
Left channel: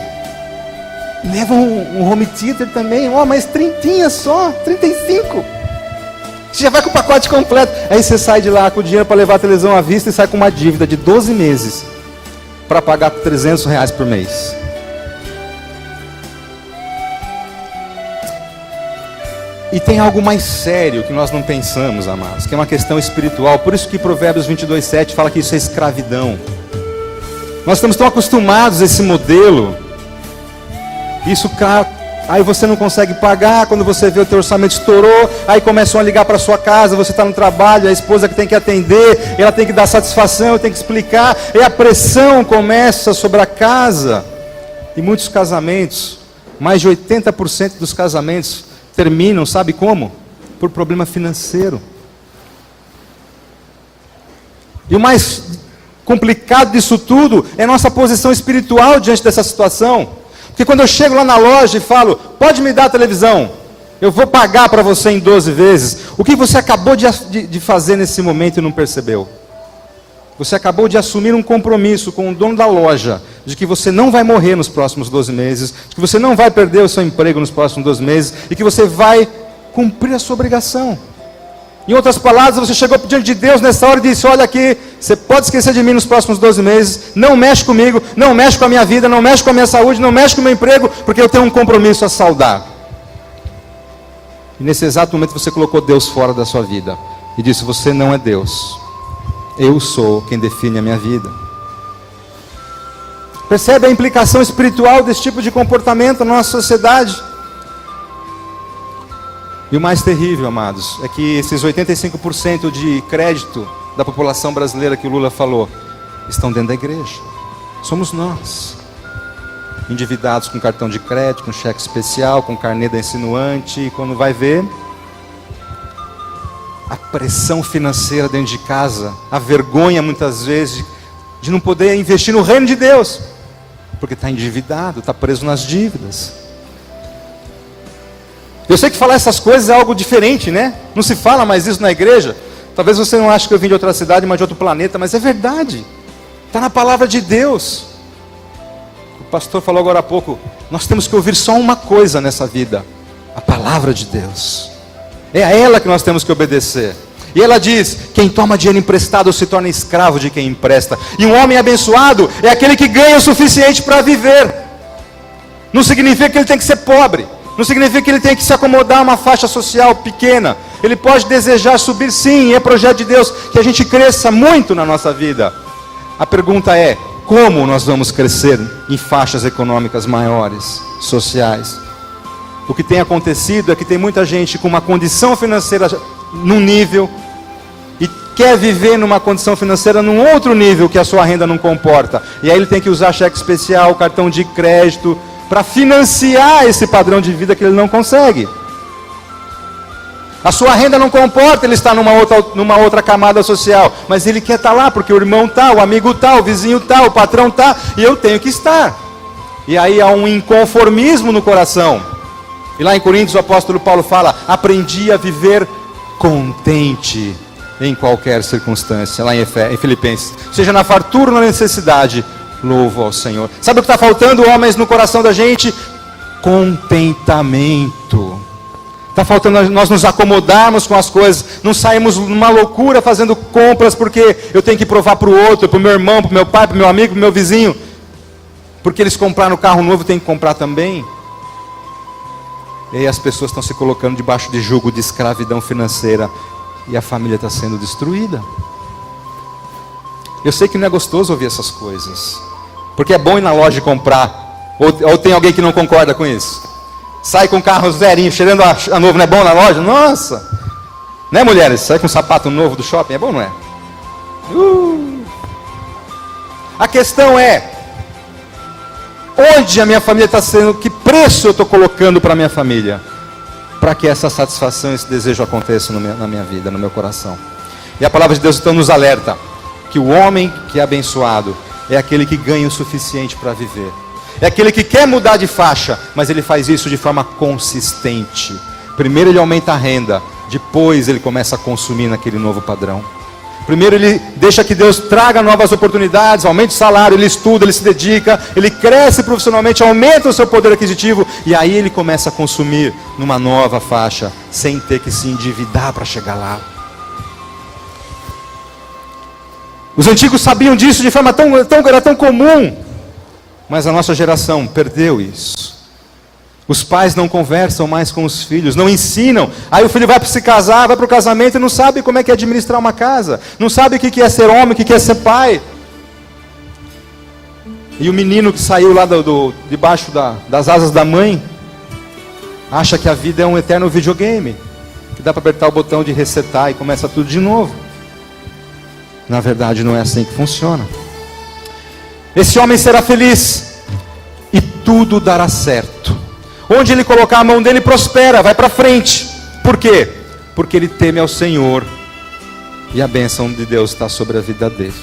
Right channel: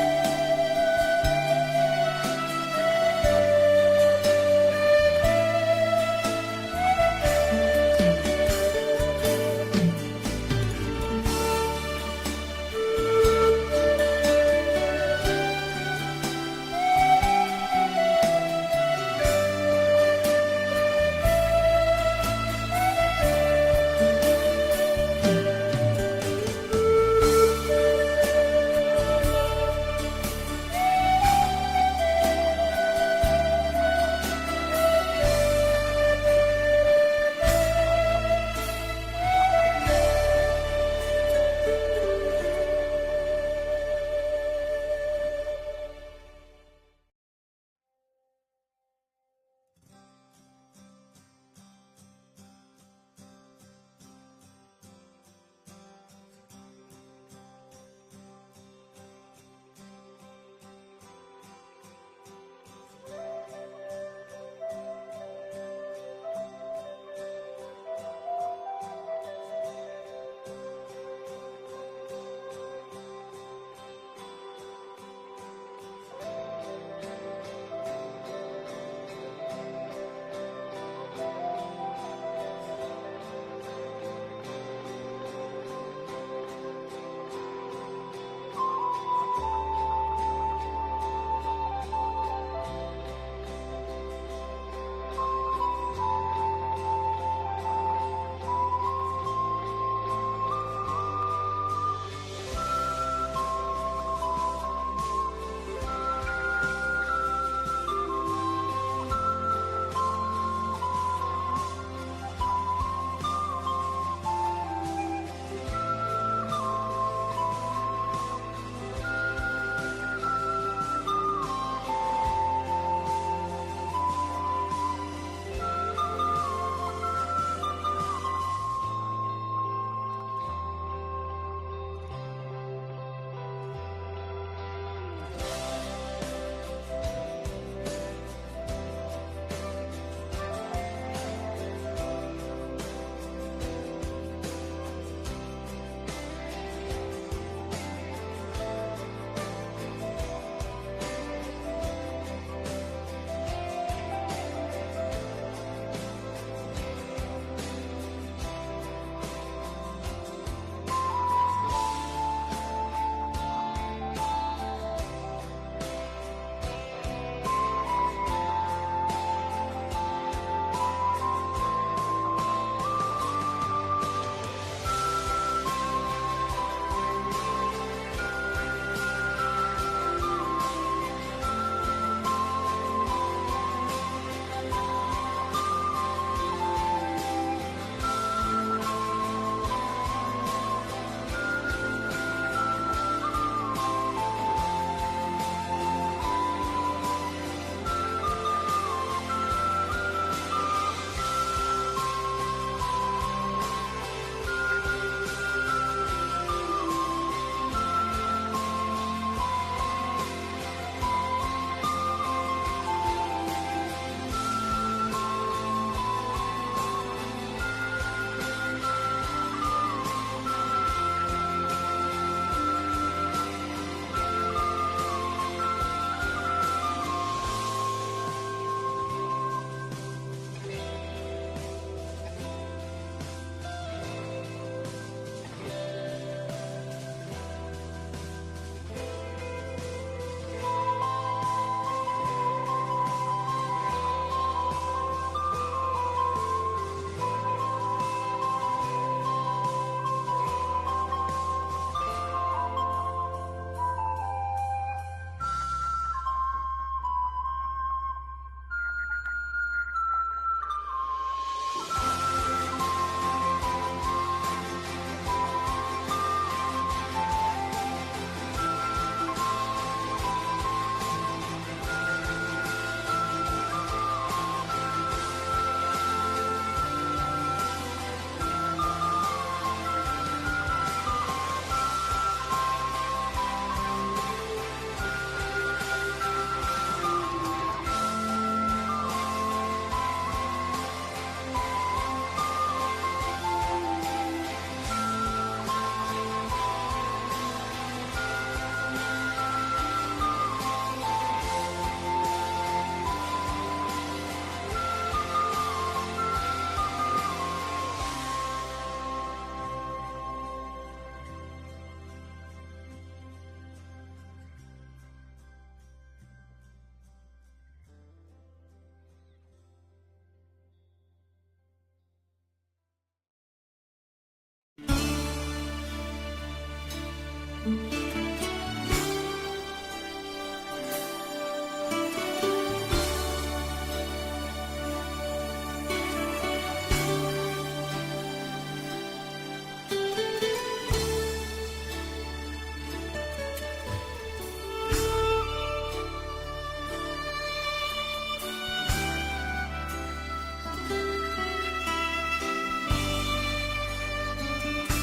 Leva um home theater também. Ó, mas 30 só, 35. Você já vai com o pacote completo. Aí você sai de lá com o dinheiro para levar a televisão à vista e sai com uma dívida de 12 meses para pagar R$300 por mês. E tem algo mais sério que nós não pensamos, amados, que é uma questão espiritual. Por isso que Provérbios 22:7 fala que isso é escravidão. Nós estamos tão acostumados a esse modelo. Isso, aí você não consegue pagar, quando você vê o teu orçamento estourou, aí começam a ligar para sua casa, você está no trabalho, a esposa que tem que atender, ela tem que dar satisfação, tem que explicar, e a pressão começa sobre a casa. E muitos casamentos, mais de 80% dos casamentos terminam, sabe como? Por problema financeiro. E o mais complicado disso tudo é nossa posição espiritual diante dessa situação. Porque quando eu chego lá na loja e falo: pode me dar a televisão, eu vou pagar para você em 12 vezes. O que você acabou de fazer nesse momento e não percebeu? Você acabou de assumir um compromisso com o dono da loja, de que você não vai morrer nos próximos 12 meses, de que você não vai perder o seu emprego nos próximos 12 meses, e que você vai cumprir a sua obrigação. Em outras palavras, você chegou diante de Deus nessa hora e disse: olha aqui, você pode esquecer de mim nos próximos 12 meses, não mexe comigo, não mexe com a minha vida, não mexe com a minha saúde, não mexe com o meu emprego, porque eu tenho um compromisso a saldar. E nesse exato momento você colocou Deus fora da sua vida e disse: você não é Deus, eu sou quem define a minha vida. Percebe a implicação espiritual desse tipo de comportamento na nossa sociedade? E o mais terrível, amados, é que esses 85% de crédito da população brasileira que o Lula falou, estão dentro da igreja. Somos nós. Endividados com cartão de crédito, com cheque especial, com carnê da insinuante, e quando vai ver, a pressão financeira dentro de casa, a vergonha muitas vezes de não poder investir no reino de Deus, porque está endividado, está preso nas dívidas. Eu sei que falar essas coisas é algo diferente, né? Não se fala mais isso na igreja. Talvez você não ache que eu vim de outra cidade, mas de outro planeta, mas é verdade. Está na palavra de Deus. O pastor falou agora há pouco, nós temos que ouvir só uma coisa nessa vida: a palavra de Deus. É a ela que nós temos que obedecer. E ela diz: quem toma dinheiro emprestado se torna escravo de quem empresta. E um homem abençoado é aquele que ganha o suficiente para viver. Não significa que ele tem que ser pobre. Não significa que ele tem que se acomodar a uma faixa social pequena. Ele pode desejar subir, sim, e é projeto de Deus que a gente cresça muito na nossa vida. A pergunta é: como nós vamos crescer em faixas econômicas maiores, sociais? O que tem acontecido é que tem muita gente com uma condição financeira num nível e quer viver numa condição financeira num outro nível que a sua renda não comporta. E aí ele tem que usar cheque especial, cartão de crédito, para financiar esse padrão de vida que ele não consegue. A sua renda não comporta, ele está numa outra camada social, mas ele quer estar lá porque o irmão está, o amigo está, o vizinho está, o patrão está, e eu tenho que estar. E aí há um inconformismo no coração. E lá em Coríntios o apóstolo Paulo fala: aprendi a viver contente em qualquer circunstância. Lá em Filipenses, seja na fartura ou na necessidade, louvo ao Senhor. Sabe o que está faltando, homens, no coração da gente? Contentamento. Está faltando nós nos acomodarmos com as coisas, não saímos numa loucura fazendo compras porque eu tenho que provar para o outro, para o meu irmão, para o meu pai, para o meu amigo, para o meu vizinho, porque eles compraram um carro novo, eu tenho que comprar também. E aí as pessoas estão se colocando debaixo de jugo de escravidão financeira e a família está sendo destruída. Eu sei que não é gostoso ouvir essas coisas, porque é bom ir na loja e comprar, ou tem alguém que não concorda com isso? Sai com carros zerinhos, cheirando a novo, não é bom na loja? Nossa! Né, mulheres? Sai com um sapato novo do shopping, é bom, não é? A questão é: onde a minha família está sendo, que preço eu estou colocando para a minha família, para que essa satisfação, esse desejo aconteça na minha vida, no meu coração. E a palavra de Deus então nos alerta que o homem que é abençoado é aquele que ganha o suficiente para viver. É aquele que quer mudar de faixa, mas ele faz isso de forma consistente. Primeiro ele aumenta a renda, depois ele começa a consumir naquele novo padrão. Primeiro ele deixa que Deus traga novas oportunidades, aumente o salário, ele estuda, ele se dedica, ele cresce profissionalmente, aumenta o seu poder aquisitivo, e aí ele começa a consumir numa nova faixa, sem ter que se endividar para chegar lá. Os antigos sabiam disso de forma era tão comum, mas a nossa geração perdeu isso. Os pais não conversam mais com os filhos, não ensinam. Aí o filho vai para se casar, vai para o casamento e não sabe como é que é administrar uma casa. Não sabe o que é ser homem, o que é ser pai. E o menino que saiu lá debaixo das asas da mãe, acha que a vida é um eterno videogame, que dá para apertar o botão de resetar e começa tudo de novo. Na verdade não é assim que funciona. Esse homem será feliz e tudo dará certo. Onde ele colocar a mão dele, prospera, vai para frente. Por quê? Porque ele teme ao Senhor e a bênção de Deus está sobre a vida dele.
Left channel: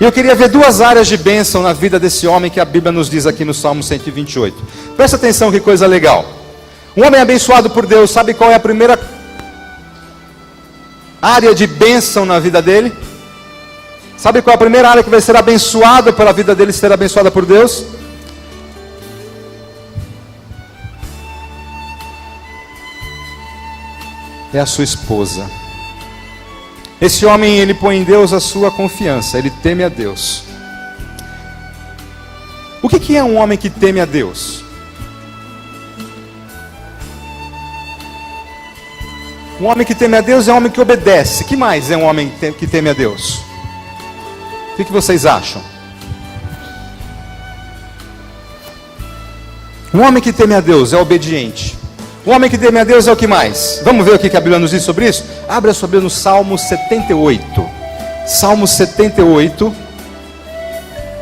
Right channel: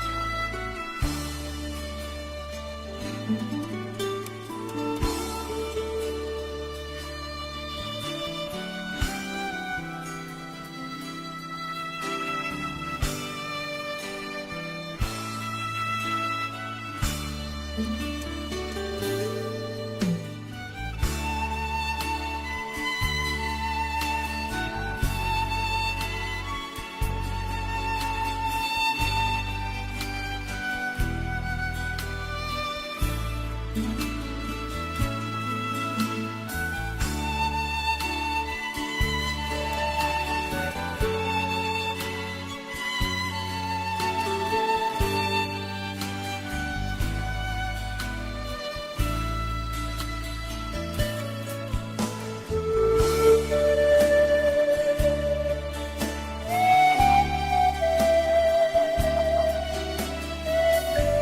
E eu queria ver duas áreas de bênção na vida desse homem que a Bíblia nos diz aqui no Salmo 128. Presta atenção, que coisa legal. Um homem abençoado por Deus, sabe qual é a primeira área de bênção na vida dele? Sabe qual é a primeira área que vai ser abençoada pela vida dele, ser abençoada por Deus? É a sua esposa. Esse homem, ele põe em Deus a sua confiança, ele teme a Deus. O que é um homem que teme a Deus? Um homem que teme a Deus é um homem que obedece. Que mais é um homem que teme a Deus? O que vocês acham? Um homem que teme a Deus é obediente. Um homem que teme a Deus é o que mais? Vamos ver o que a Bíblia nos diz sobre isso? Abre a sua Bíblia no Salmo 78. Salmo 78.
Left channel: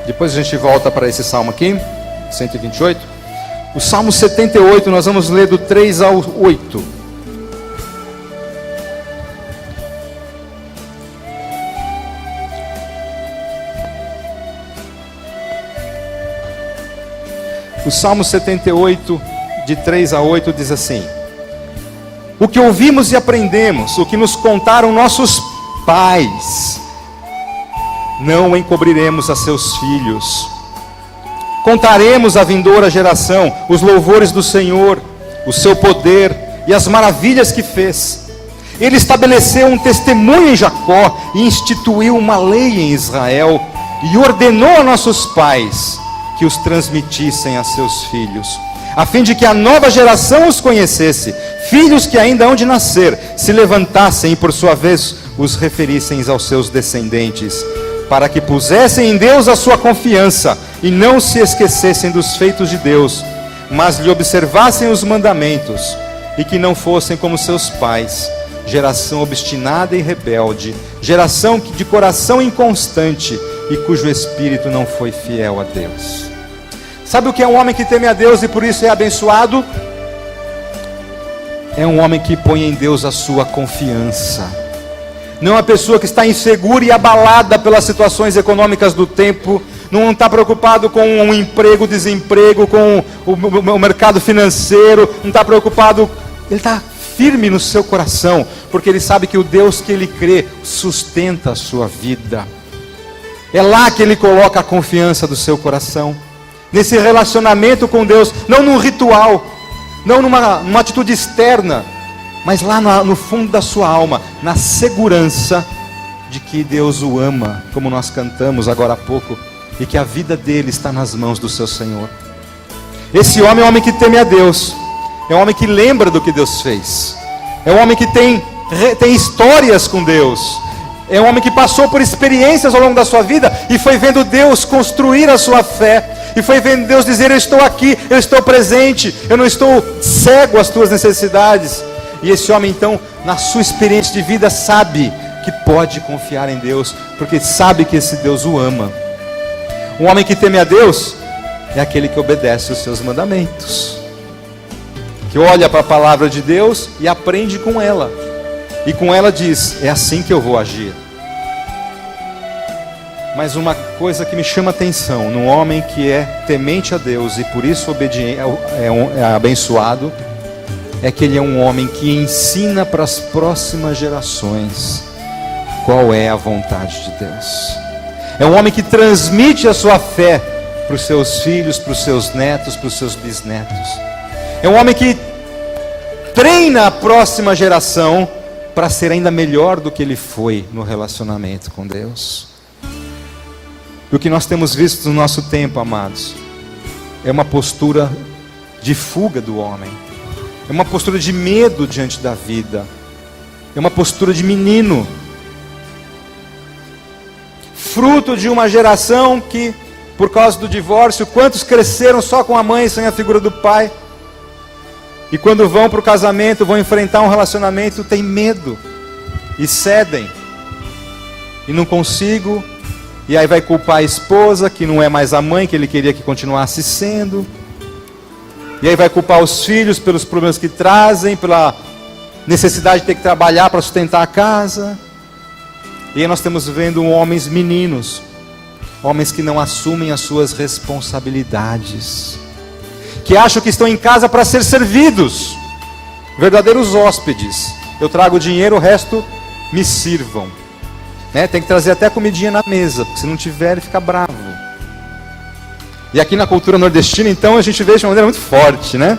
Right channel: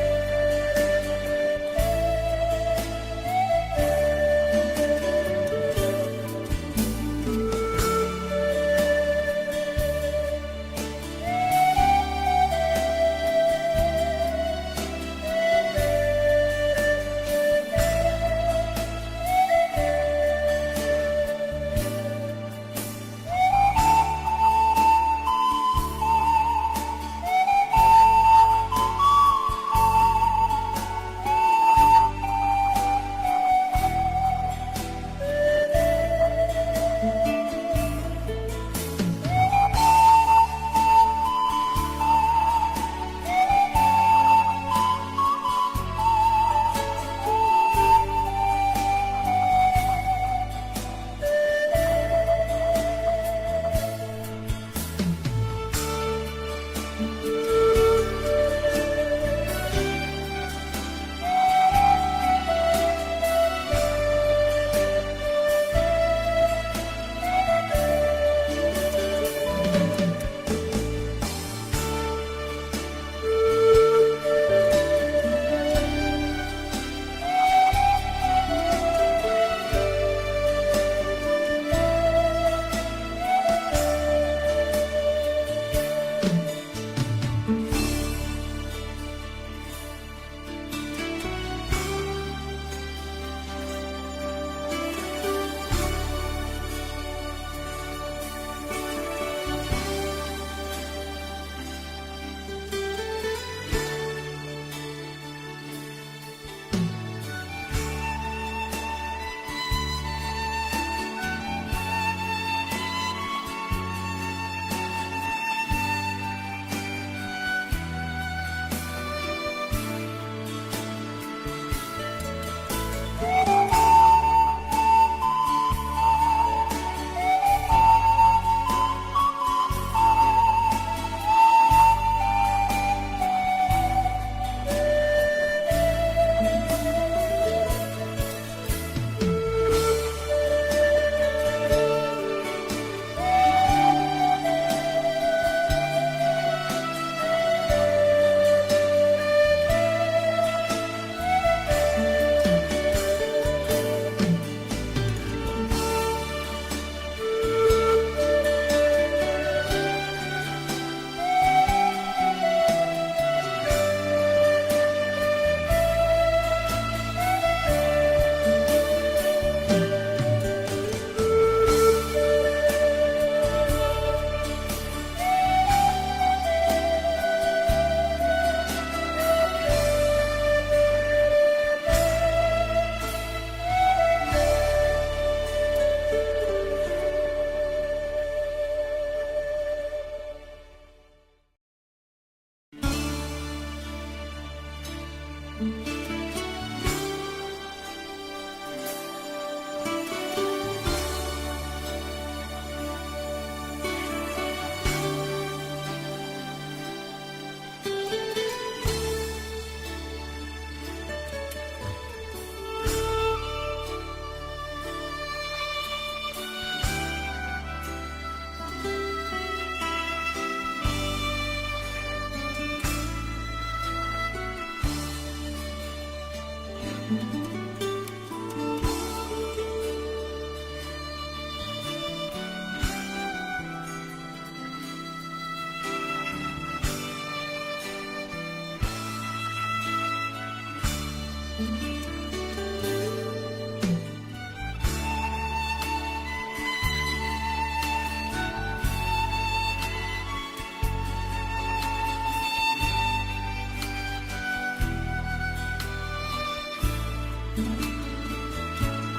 Depois a gente volta para esse salmo aqui, 128. O Salmo 78, nós vamos ler do 3 ao 8. O Salmo 78, de 3 a 8, diz assim: o que ouvimos e aprendemos, o que nos contaram nossos pais, não encobriremos a seus filhos. Contaremos à vindoura geração os louvores do Senhor, o seu poder e as maravilhas que fez. Ele estabeleceu um testemunho em Jacó e instituiu uma lei em Israel, e ordenou a nossos pais que os transmitissem a seus filhos, a fim de que a nova geração os conhecesse, filhos que ainda hão de nascer, se levantassem e por sua vez os referissem aos seus descendentes, para que pusessem em Deus a sua confiança e não se esquecessem dos feitos de Deus, mas lhe observassem os mandamentos, e que não fossem como seus pais, geração obstinada e rebelde, geração de coração inconstante e cujo espírito não foi fiel a Deus. Sabe o que é um homem que teme a Deus e por isso é abençoado? É um homem que põe em Deus a sua confiança. Não é uma pessoa que está insegura e abalada pelas situações econômicas do tempo, não está preocupado com um emprego, desemprego, com o mercado financeiro, não está preocupado, ele está firme no seu coração, porque ele sabe que o Deus que ele crê sustenta a sua vida. É lá que ele coloca a confiança do seu coração, nesse relacionamento com Deus, não num ritual, não numa atitude externa, mas lá no fundo da sua alma, na segurança de que Deus o ama, como nós cantamos agora há pouco, e que a vida dele está nas mãos do seu Senhor. Esse homem é um homem que teme a Deus, é um homem que lembra do que Deus fez, é um homem que tem histórias com Deus, é um homem que passou por experiências ao longo da sua vida e foi vendo Deus construir a sua fé, e foi vendo Deus dizer: eu estou aqui, eu estou presente, eu não estou cego às tuas necessidades. E esse homem então, na sua experiência de vida, sabe que pode confiar em Deus, porque sabe que esse Deus o ama. Um homem que teme a Deus é aquele que obedece os seus mandamentos, que olha para a palavra de Deus e aprende com ela, e com ela diz: é assim que eu vou agir. Mas uma coisa que me chama a atenção num homem que é temente a Deus e por isso obediente, é abençoado, é que ele é um homem que ensina para as próximas gerações qual é a vontade de Deus. É um homem que transmite a sua fé para os seus filhos, para os seus netos, para os seus bisnetos. É um homem que treina a próxima geração para ser ainda melhor do que ele foi no relacionamento com Deus. E o que nós temos visto no nosso tempo, amados, é uma postura de fuga do homem, é uma postura de medo diante da vida, é uma postura de menino, fruto de uma geração que, por causa do divórcio, quantos cresceram só com a mãe sem a figura do pai, e quando vão para o casamento, vão enfrentar um relacionamento, tem medo e cedem, e não consigo. E aí vai culpar a esposa, que não é mais a mãe que ele queria que continuasse sendo. E aí vai culpar os filhos pelos problemas que trazem, pela necessidade de ter que trabalhar para sustentar a casa. E aí nós estamos vendo homens meninos, homens que não assumem as suas responsabilidades, que acham que estão em casa para ser servidos, verdadeiros hóspedes. Eu trago dinheiro, o resto me sirvam. Tem que trazer até comidinha na mesa, porque se não tiver ele fica bravo. E aqui na cultura nordestina, então, a gente vê de uma maneira muito forte, né?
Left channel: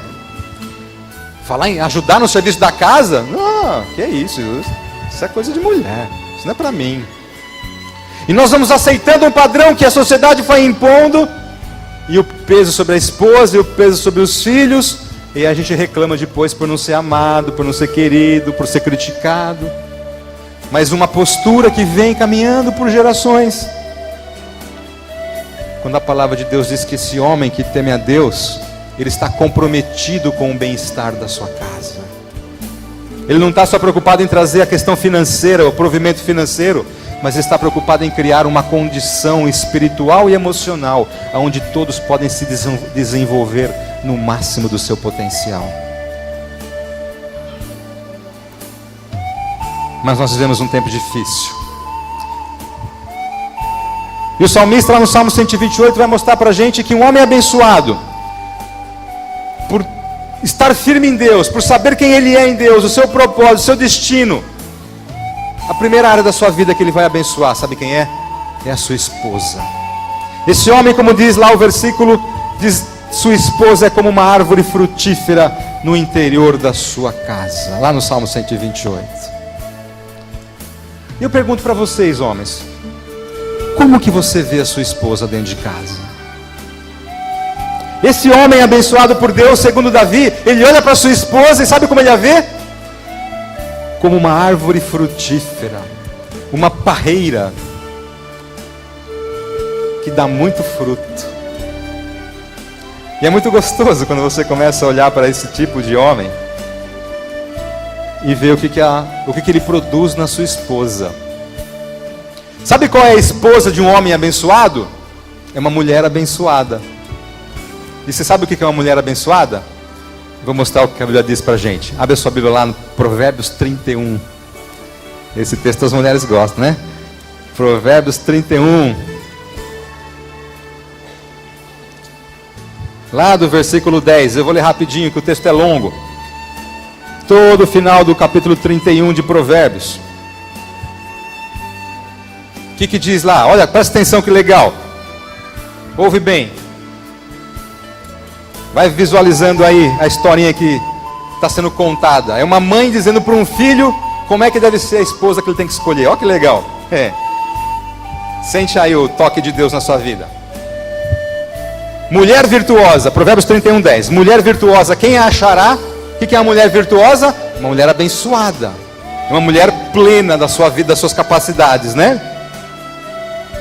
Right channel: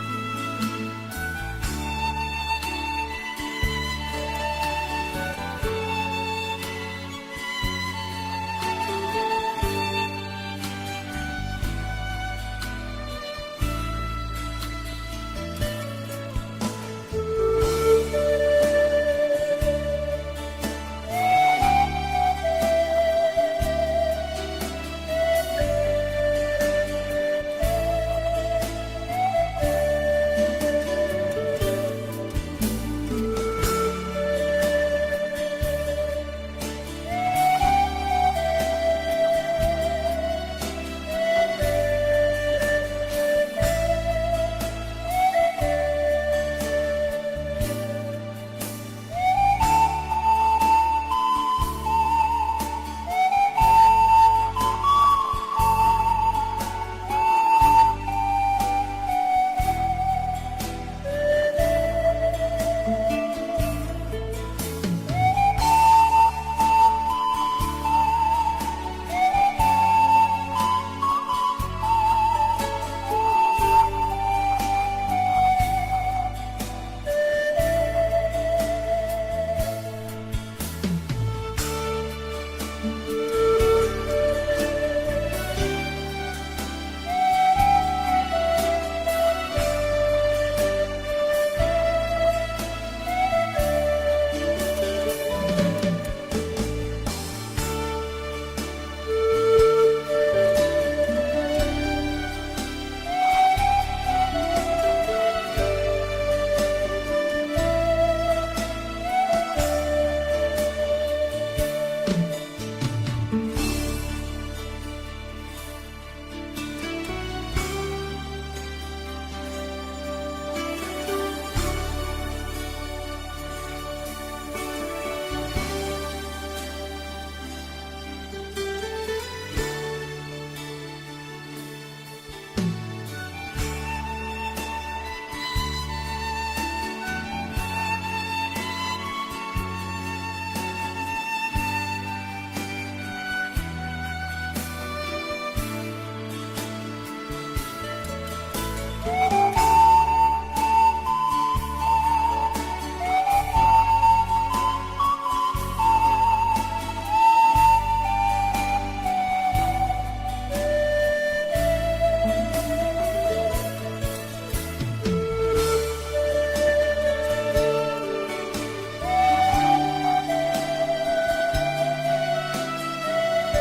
Falar em ajudar no serviço da casa? Não, que é isso? Isso é coisa de mulher, isso não é para mim. E nós vamos aceitando um padrão que a sociedade foi impondo, e o peso sobre a esposa, e o peso sobre os filhos, e a gente reclama depois por não ser amado, por não ser querido, por ser criticado. Mas uma postura que vem caminhando por gerações. Quando a palavra de Deus diz que esse homem que teme a Deus, ele está comprometido com o bem-estar da sua casa. Ele não está só preocupado em trazer a questão financeira, o provimento financeiro, mas está preocupado em criar uma condição espiritual e emocional, onde todos podem se desenvolver no máximo do seu potencial. Mas nós vivemos um tempo difícil. E o salmista lá no Salmo 128 vai mostrar para a gente que um homem abençoado estar firme em Deus, por saber quem Ele é em Deus, o seu propósito, o seu destino, a primeira área da sua vida que Ele vai abençoar, sabe quem é? É a sua esposa. Esse homem, como diz lá o versículo, diz: sua esposa é como uma árvore frutífera no interior da sua casa. Lá no Salmo 128. E eu pergunto para vocês, homens, como que você vê a sua esposa dentro de casa? Esse homem abençoado por Deus, segundo Davi, ele olha para sua esposa e sabe como ele a vê? Como uma árvore frutífera, uma parreira que dá muito fruto. E é muito gostoso quando você começa a olhar para esse tipo de homem e ver o que ele produz na sua esposa. Sabe qual é a esposa de um homem abençoado? É uma mulher abençoada. E você sabe o que é uma mulher abençoada? Vou mostrar o que a Bíblia diz pra gente. Abre a sua Bíblia lá no Provérbios 31. Esse texto as mulheres gostam, né? Provérbios 31. Lá do versículo 10. Eu vou ler rapidinho que o texto é longo. Todo o final do capítulo 31 de Provérbios. O que diz lá? Olha, presta atenção que legal. Ouve bem. Vai visualizando aí a historinha que está sendo contada. É uma mãe dizendo para um filho como é que deve ser a esposa que ele tem que escolher. Olha que legal. Sente aí o toque de Deus na sua vida. Mulher virtuosa, Provérbios 31, 10. Mulher virtuosa, quem a achará? O que é uma mulher virtuosa? Uma mulher abençoada. Uma mulher plena da sua vida, das suas capacidades, né?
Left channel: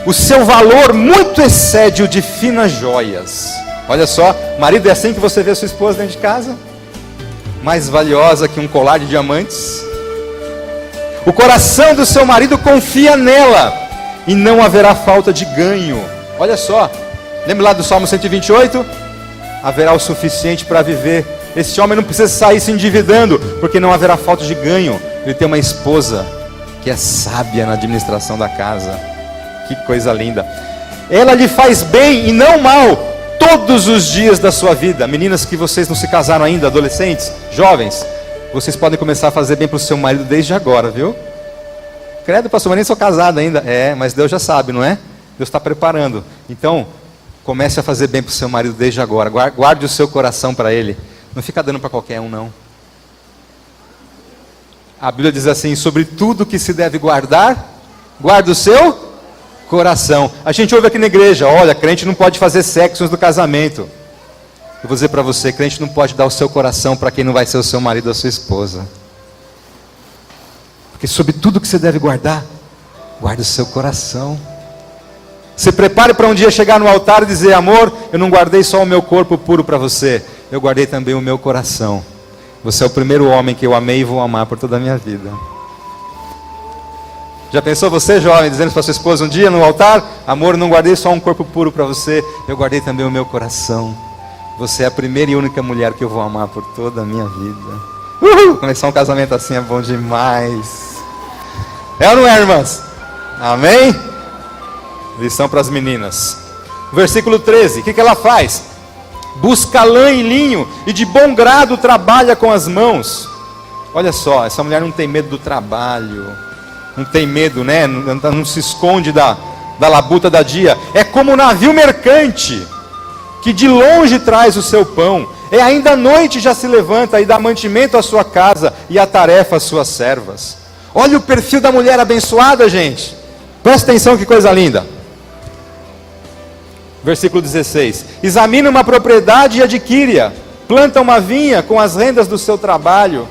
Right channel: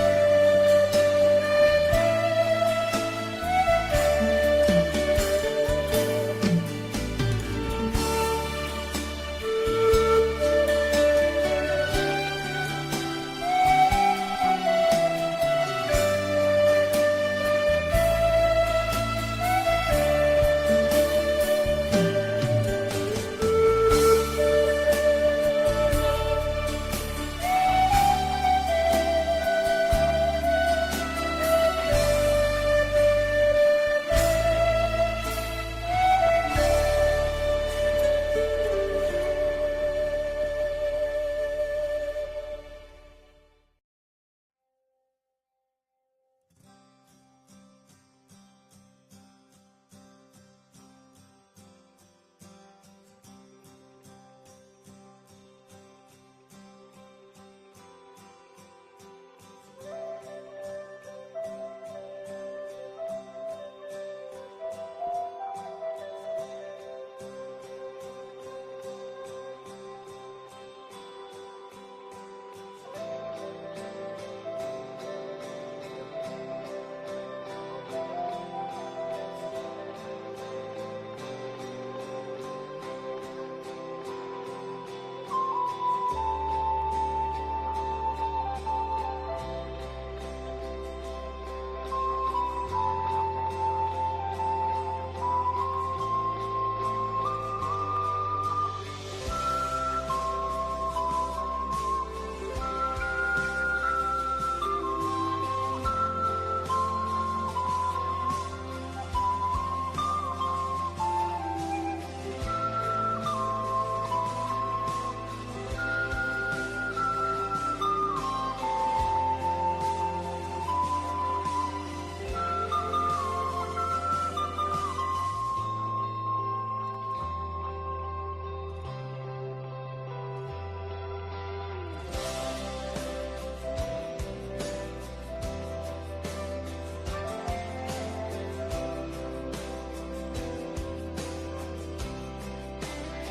O seu valor muito excede o de finas joias. Olha só, marido, é assim que você vê a sua esposa dentro de casa? Mais valiosa que um colar de diamantes. O coração do seu marido confia nela, e não haverá falta de ganho. Olha só, lembra lá do Salmo 128? Haverá o suficiente para viver. Esse homem não precisa sair se endividando, porque não haverá falta de ganho. Ele tem uma esposa que é sábia na administração da casa. Que coisa linda. Ela lhe faz bem e não mal todos os dias da sua vida. Meninas que vocês não se casaram ainda, adolescentes, jovens, vocês podem começar a fazer bem para o seu marido desde agora, viu? Credo, pastor, mas nem sou casado ainda. Mas Deus já sabe, não é? Deus está preparando. Então, comece a fazer bem para o seu marido desde agora. Guarde o seu coração para ele. Não fica dando para qualquer um, não. A Bíblia diz assim: sobre tudo que se deve guardar, guarde o seu coração. A gente ouve aqui na igreja: olha, crente não pode fazer sexo antes do casamento. Eu vou dizer para você, crente não pode dar o seu coração para quem não vai ser o seu marido ou a sua esposa. Porque sobre tudo que você deve guardar, guarde o seu coração. Se prepare para um dia chegar no altar e dizer: amor, eu não guardei só o meu corpo puro para você, eu guardei também o meu coração. Você é o primeiro homem que eu amei e vou amar por toda a minha vida. Já pensou você, jovem, dizendo para sua esposa um dia no altar: amor, não guardei só um corpo puro para você, eu guardei também o meu coração. Você é a primeira e única mulher que eu vou amar por toda a minha vida. Começar um casamento assim é bom demais. É ou não é, irmãs? Amém? Lição para as meninas. Versículo 13, o que ela faz? Busca lã e linho, e de bom grado trabalha com as mãos. Olha só, essa mulher não tem medo do trabalho, não tem medo, né? Não se esconde da labuta da dia. É como um navio mercante, que de longe traz o seu pão. É ainda à noite já se levanta e dá mantimento à sua casa e a tarefa às suas servas. Olha o perfil da mulher abençoada, gente. Presta atenção, que coisa linda. Versículo 16. Examina uma propriedade e adquire-a. Planta uma vinha com as rendas do seu trabalho.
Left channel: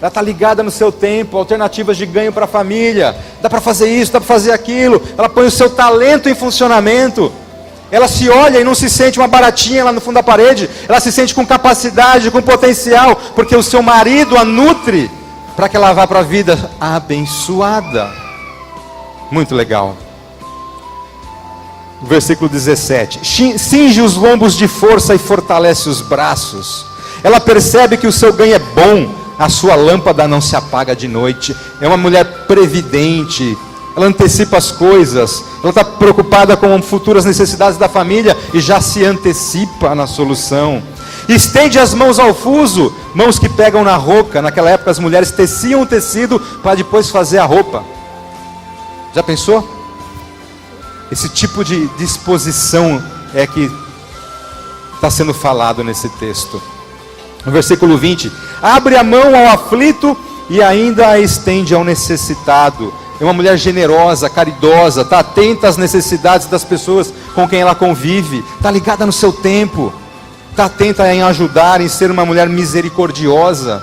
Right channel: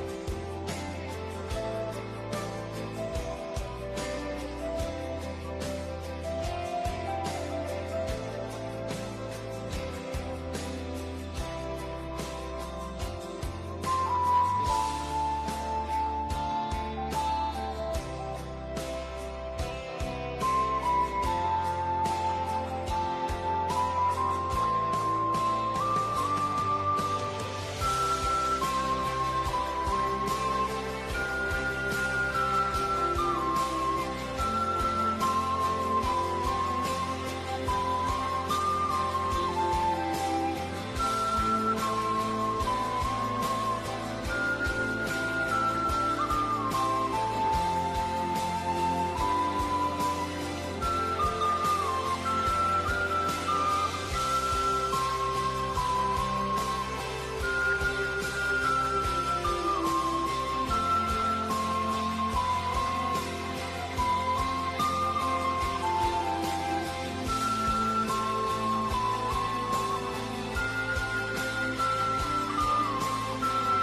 Ela está ligada no seu tempo, alternativas de ganho para a família. Dá para fazer isso, dá para fazer aquilo. Ela põe o seu talento em funcionamento. Ela se olha e não se sente uma baratinha lá no fundo da parede. Ela se sente com capacidade, com potencial, porque o seu marido a nutre para que ela vá para a vida abençoada. Muito legal. Versículo 17. Cinge os lombos de força e fortalece os braços. Ela percebe que o seu ganho é bom, a sua lâmpada não se apaga de noite. É uma mulher previdente. Ela antecipa as coisas. Ela está preocupada com futuras necessidades da família e já se antecipa na solução. Estende as mãos ao fuso, mãos que pegam na roca. Naquela época as mulheres teciam o tecido para depois fazer a roupa. Já pensou? Esse tipo de disposição é que está sendo falado nesse texto. No versículo 20: abre a mão ao aflito e ainda a estende ao necessitado. É uma mulher generosa, caridosa, está atenta às necessidades das pessoas com quem ela convive, está ligada no seu tempo, está atenta em ajudar, em ser uma mulher misericordiosa.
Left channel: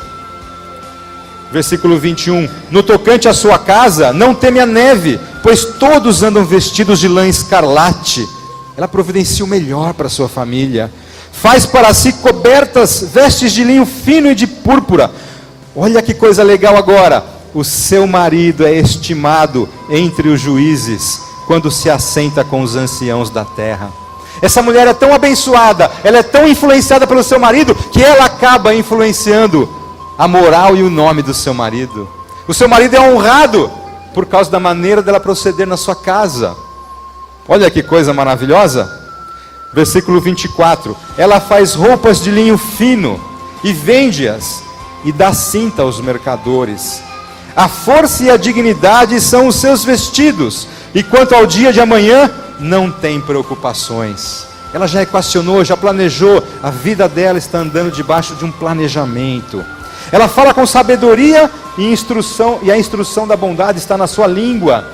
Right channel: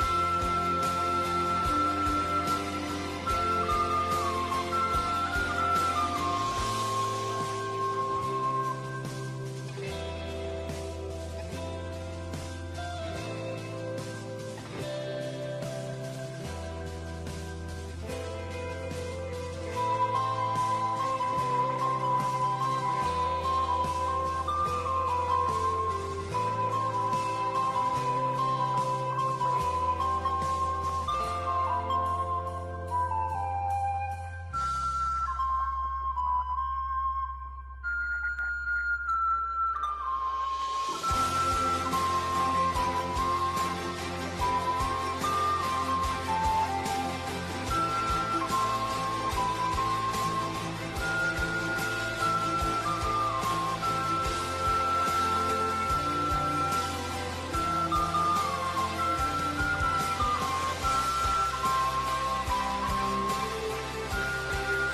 Versículo 21: no tocante à sua casa, não teme a neve, pois todos andam vestidos de lã escarlate. Ela providencia o melhor para a sua família. Faz para si cobertas, vestes de linho fino e de púrpura. Olha que coisa legal agora. O seu marido é estimado entre os juízes, quando se assenta com os anciãos da terra. Essa mulher é tão abençoada, ela é tão influenciada pelo seu marido, que ela acaba influenciando a moral e o nome do seu marido. O seu marido é honrado por causa da maneira dela proceder na sua casa. Olha que coisa maravilhosa. Versículo 24: ela faz roupas de linho fino e vende-as e dá cinta aos mercadores. A força e a dignidade são os seus vestidos, e quanto ao dia de amanhã, não tem preocupações. Ela já equacionou, já planejou, a vida dela está andando debaixo de um planejamento. Ela fala com sabedoria e instrução, e a instrução da bondade está na sua língua.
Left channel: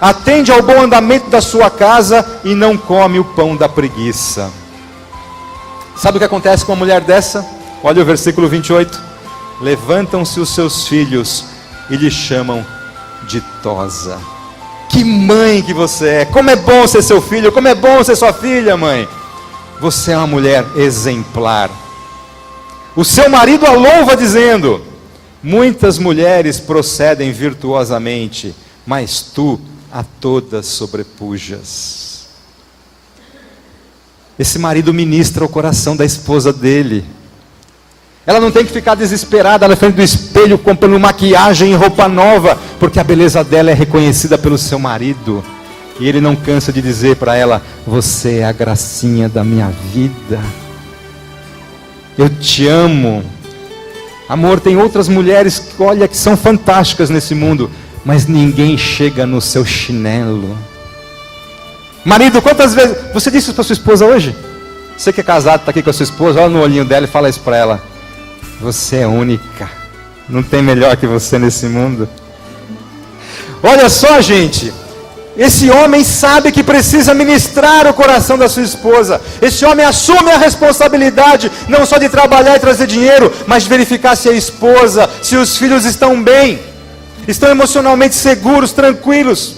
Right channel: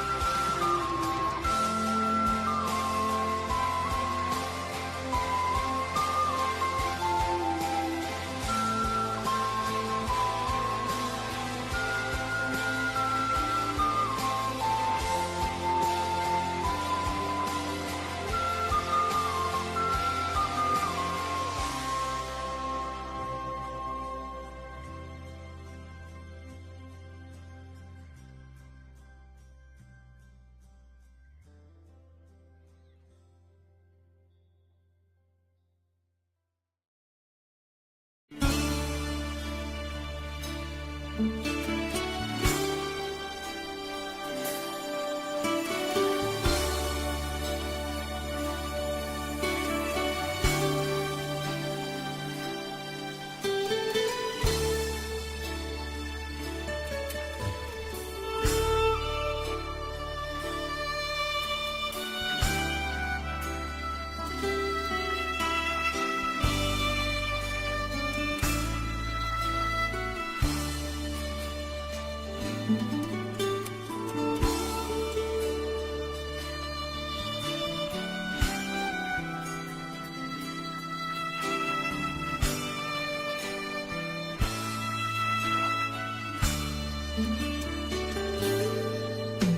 Atende ao bom andamento da sua casa e não come o pão da preguiça. Sabe o que acontece com uma mulher dessa? Olha o versículo 28. Levantam-se os seus filhos e lhe chamam ditosa. Que mãe que você é! Como é bom ser seu filho, como é bom ser sua filha, mãe. Você é uma mulher exemplar. O seu marido a louva dizendo: muitas mulheres procedem virtuosamente, mas tu a todas sobrepujas. Esse marido ministra o coração da esposa dele. Ela não tem que ficar desesperada na frente do espelho comprando maquiagem e roupa nova, porque a beleza dela é reconhecida pelo seu marido. E ele não cansa de dizer para ela: você é a gracinha da minha vida. Eu te amo. Amor, tem outras mulheres que, olha, que são fantásticas nesse mundo, mas ninguém chega no seu chinelo. Marido, quantas vezes você disse isso para sua esposa hoje? Você que é casado, está aqui com a sua esposa, olha no olhinho dela e fala isso para ela: você é única, não tem melhor que você nesse mundo. Olha só, gente, esse homem sabe que precisa ministrar o coração da sua esposa. Esse homem assume a responsabilidade, não só de trabalhar e trazer dinheiro, mas de verificar se a esposa, se os filhos estão bem, estão emocionalmente seguros, tranquilos.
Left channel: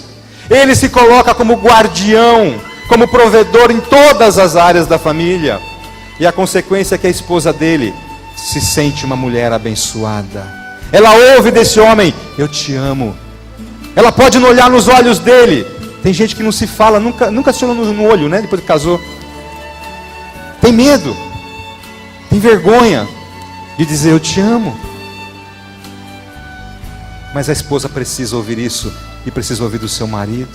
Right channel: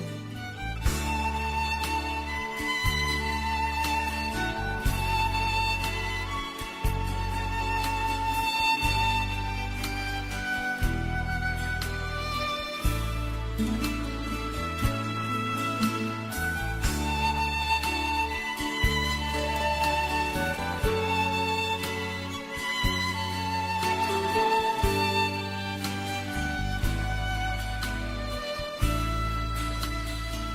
Ele se coloca como guardião, como provedor em todas as áreas da família. E a consequência é que a esposa dele se sente uma mulher abençoada. Ela ouve desse homem: eu te amo. Ela pode não olhar nos olhos dele. Tem gente que não se fala, nunca se olhou no olho, né? Depois que casou. Tem medo, tem vergonha de dizer eu te amo. Mas a esposa precisa ouvir isso, e precisa ouvir do seu marido.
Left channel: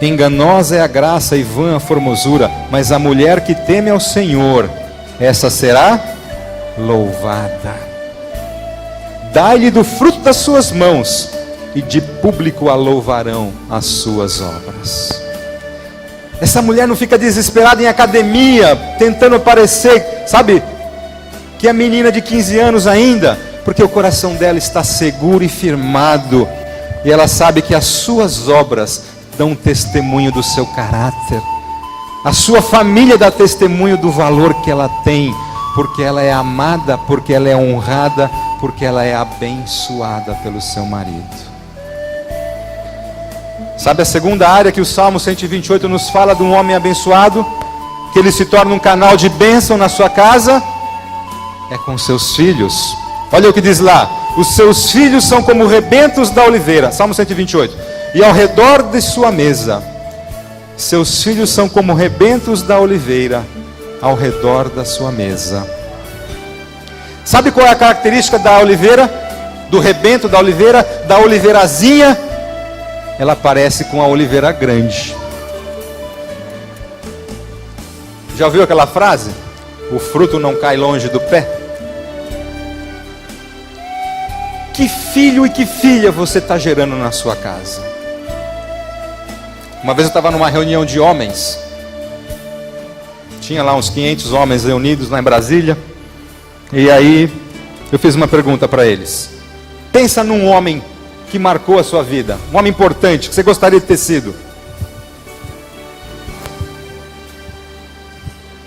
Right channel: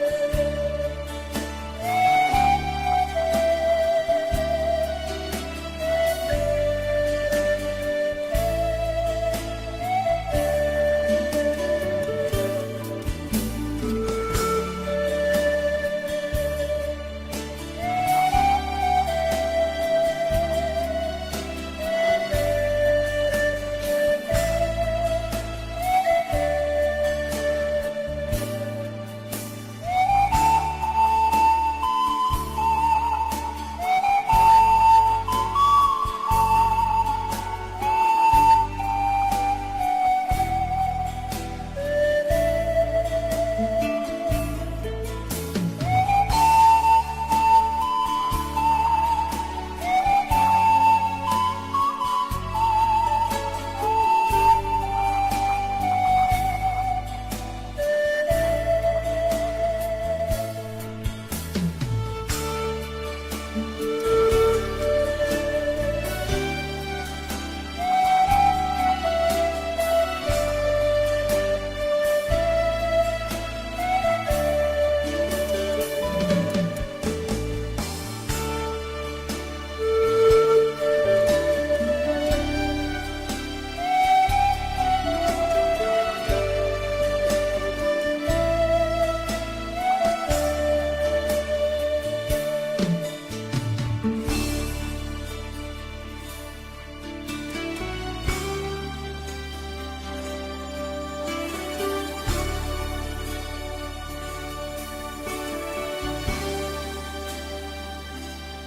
Enganosa é a graça e vã a formosura, mas a mulher que teme ao Senhor, essa será louvada. Dai-lhe do fruto das suas mãos, e de público a louvarão as suas obras. Essa mulher não fica desesperada em academia, tentando parecer, sabe, que é menina de 15 anos ainda, porque o coração dela está seguro e firmado, e ela sabe que as suas obras dão testemunho do seu caráter. A sua família dá testemunho do valor que ela tem, porque ela é amada, porque ela é honrada, porque ela é abençoada pelo seu marido. Sabe a segunda área que o Salmo 128 nos fala de um homem abençoado? Que ele se torna um canal de bênção na sua casa? É com seus filhos. Olha o que diz lá: os seus filhos são como rebentos da oliveira. Salmo 128. E ao redor de sua mesa, seus filhos são como rebentos da oliveira, ao redor da sua mesa. Sabe qual é a característica da oliveira? Do rebento da oliveira? Da oliveirazinha? Ela parece com a oliveira grande. Já ouviu aquela frase? O fruto não cai longe do pé. Que filho e que filha você está gerando na sua casa? Uma vez eu estava numa reunião de homens. Tinha lá uns 500 homens reunidos lá em Brasília. E aí eu fiz uma pergunta para eles. Pensa num homem que marcou a sua vida. Um homem importante, que você gostaria de ter sido.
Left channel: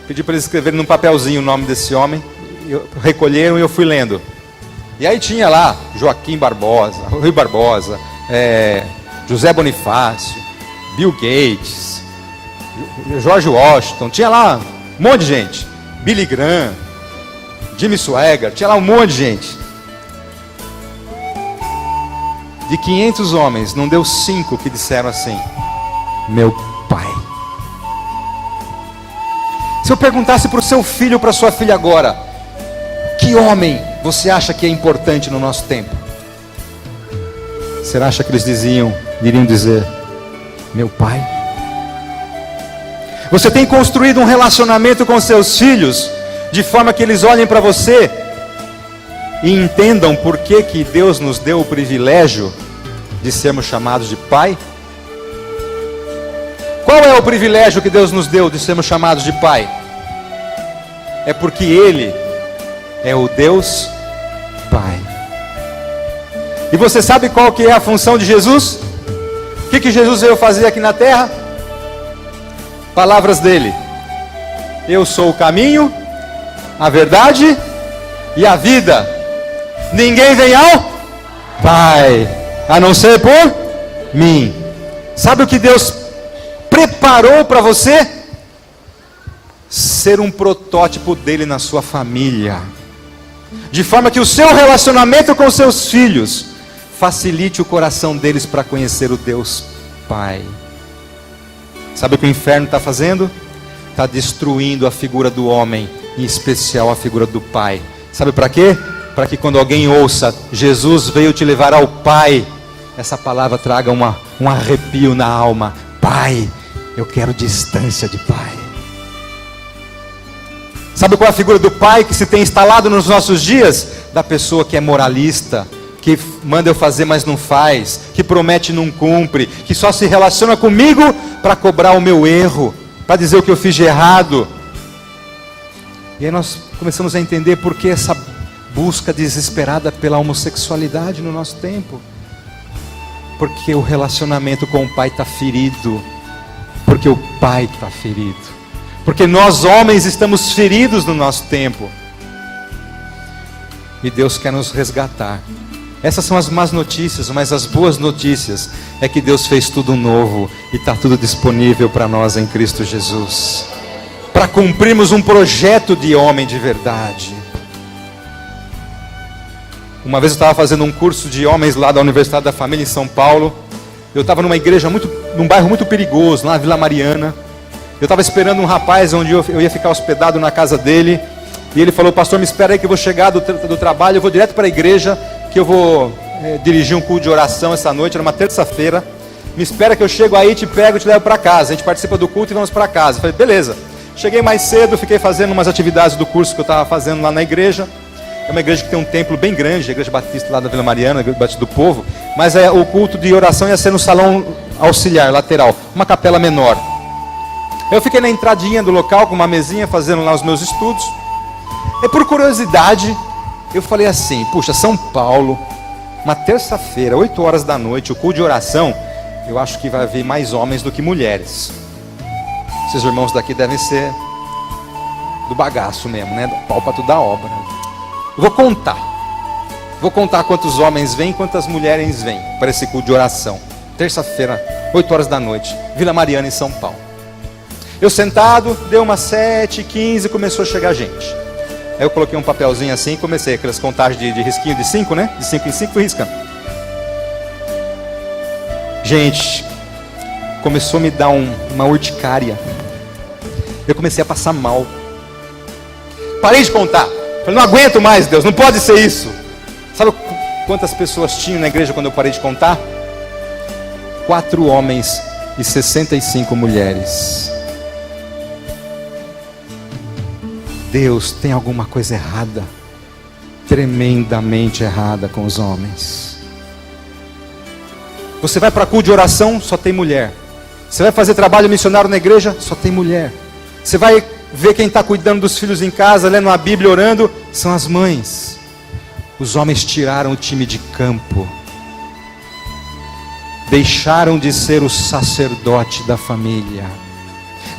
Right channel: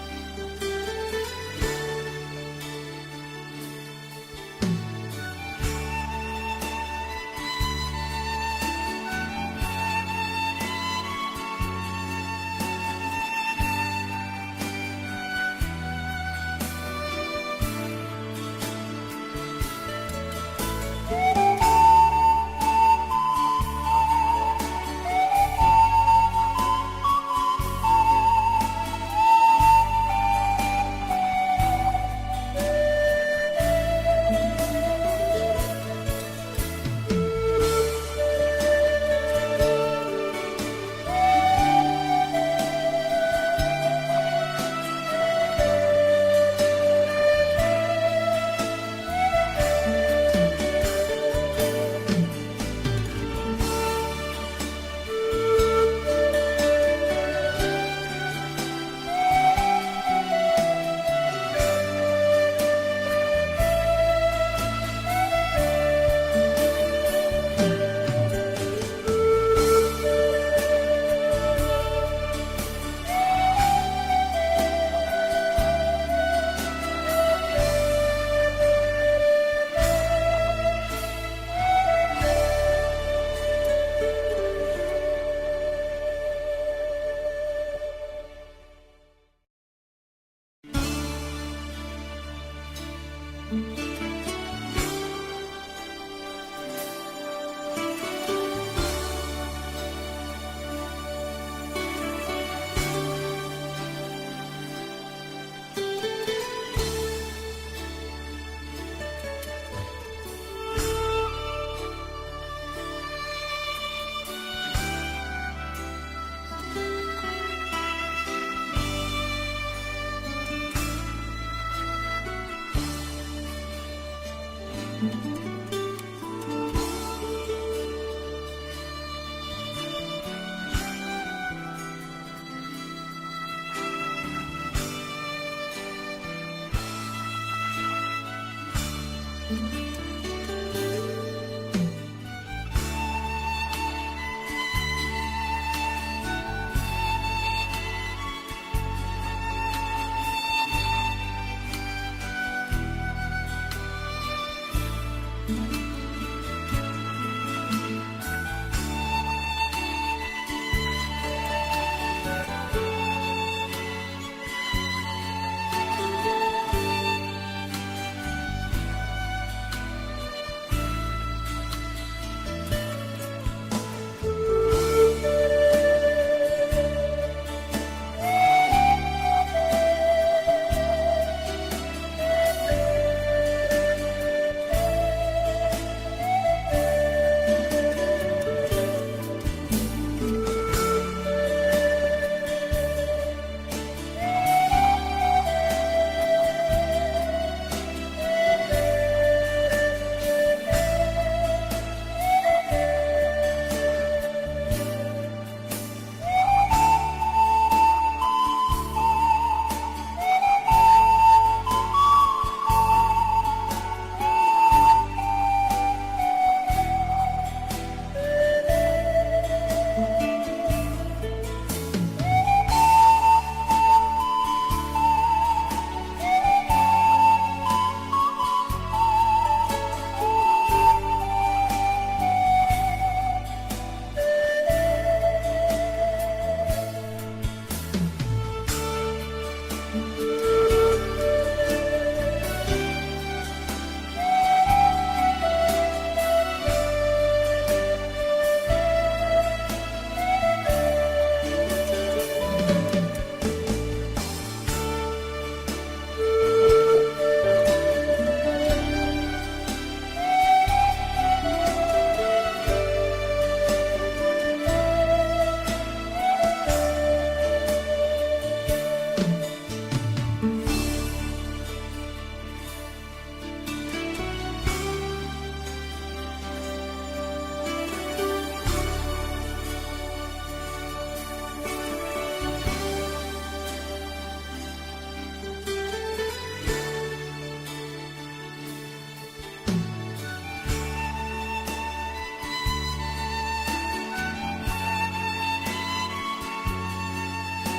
Pedi para eles escreverem num papelzinho o nome desse homem. Recolheram e eu fui lendo. E aí tinha lá Joaquim Barbosa, Rui Barbosa, José Bonifácio, Bill Gates, George Washington. Tinha lá um monte de gente. Billy Graham, Jimmy Swaggart. Tinha lá um monte de gente. De 500 homens, não deu 5 que disseram assim: meu pai. Se eu perguntasse para o seu filho ou para sua filha agora, que homem você acha que é importante no nosso tempo? Você acha que eles iriam dizer, meu pai? Você tem construído um relacionamento com seus filhos, de forma que eles olhem para você e entendam por que Deus nos deu o privilégio de sermos chamados de pai? Qual é o privilégio que Deus nos deu de sermos chamados de pai? É porque Ele é o Deus Pai. E você sabe qual que é a função de Jesus? O que Jesus veio fazer aqui na terra? Palavras dele: eu sou o caminho, a verdade e a vida. Ninguém vem ao Pai a não ser por mim. Sabe o que Deus preparou para você? Ser um protótipo dele na sua família, de forma que o seu relacionamento com seus filhos facilite o coração deles para conhecer o Deus Pai. Sabe o que o inferno está fazendo? Está destruindo a figura do homem, em especial a figura do pai. Sabe para quê? Para que quando alguém ouça, Jesus veio te levar ao Pai, essa palavra traga um arrepio na alma. Pai, eu quero distância de pai. Sabe qual é a figura do pai que se tem instalado nos nossos dias? Da pessoa que é moralista, que manda eu fazer mas não faz, que promete e não cumpre, que só se relaciona comigo para cobrar o meu erro, para dizer o que eu fiz de errado. E aí nós começamos a entender por que essa busca desesperada pela homossexualidade no nosso tempo. Porque o relacionamento com o pai está ferido, porque o pai está ferido. Porque nós homens estamos feridos no nosso tempo. E Deus quer nos resgatar. Essas são as más notícias, mas as boas notícias é que Deus fez tudo novo e está tudo disponível para nós em Cristo Jesus, para cumprirmos um projeto de homem de verdade. Uma vez eu estava fazendo um curso de homens lá da Universidade da Família em São Paulo. Eu estava numa igreja num bairro muito perigoso, lá na Vila Mariana. Eu estava esperando um rapaz onde eu ia ficar hospedado na casa dele. E ele falou: pastor, me espera aí que eu vou chegar do trabalho, eu vou direto para a igreja, que eu vou dirigir um culto de oração essa noite, era uma terça-feira. Me espera que eu chego aí, te pego e te levo para casa. A gente participa do culto e vamos para casa. Eu falei: beleza. Cheguei mais cedo, fiquei fazendo umas atividades do curso que eu estava fazendo lá na igreja. É uma igreja que tem um templo bem grande, a igreja batista lá da Vila Mariana, a igreja batista do povo. Mas o culto de oração ia ser no salão auxiliar, lateral, uma capela menor. Eu fiquei na entradinha do local com uma mesinha fazendo lá os meus estudos. E por curiosidade, eu falei assim: puxa, São Paulo, uma terça-feira, 8 horas da noite, o culto de oração, eu acho que vai haver mais homens do que mulheres. Esses irmãos daqui devem ser do bagaço mesmo, né? Do pau pra toda a obra. Eu vou contar quantos homens vêm e quantas mulheres vêm para esse culto de oração. Terça-feira, 8 horas da noite, Vila Mariana, em São Paulo. Eu sentado, deu umas 7h15, começou a chegar gente. Aí eu coloquei um papelzinho assim e comecei aquelas contagens de risquinho de 5, né? De 5 em 5 fui riscando. Gente, começou a me dar uma urticária. Eu comecei a passar mal. Parei de contar. Eu não aguento mais, Deus, não pode ser isso. Sabe quantas pessoas tinham na igreja quando eu parei de contar? 4 homens e 65 mulheres. Deus, tem alguma coisa errada, tremendamente errada com os homens. Você vai para culto de oração, só tem mulher. Você vai fazer trabalho missionário na igreja, só tem mulher. Você vai ver quem está cuidando dos filhos em casa, lendo a Bíblia, orando, são as mães. Os homens tiraram o time de campo, deixaram de ser o sacerdote da família,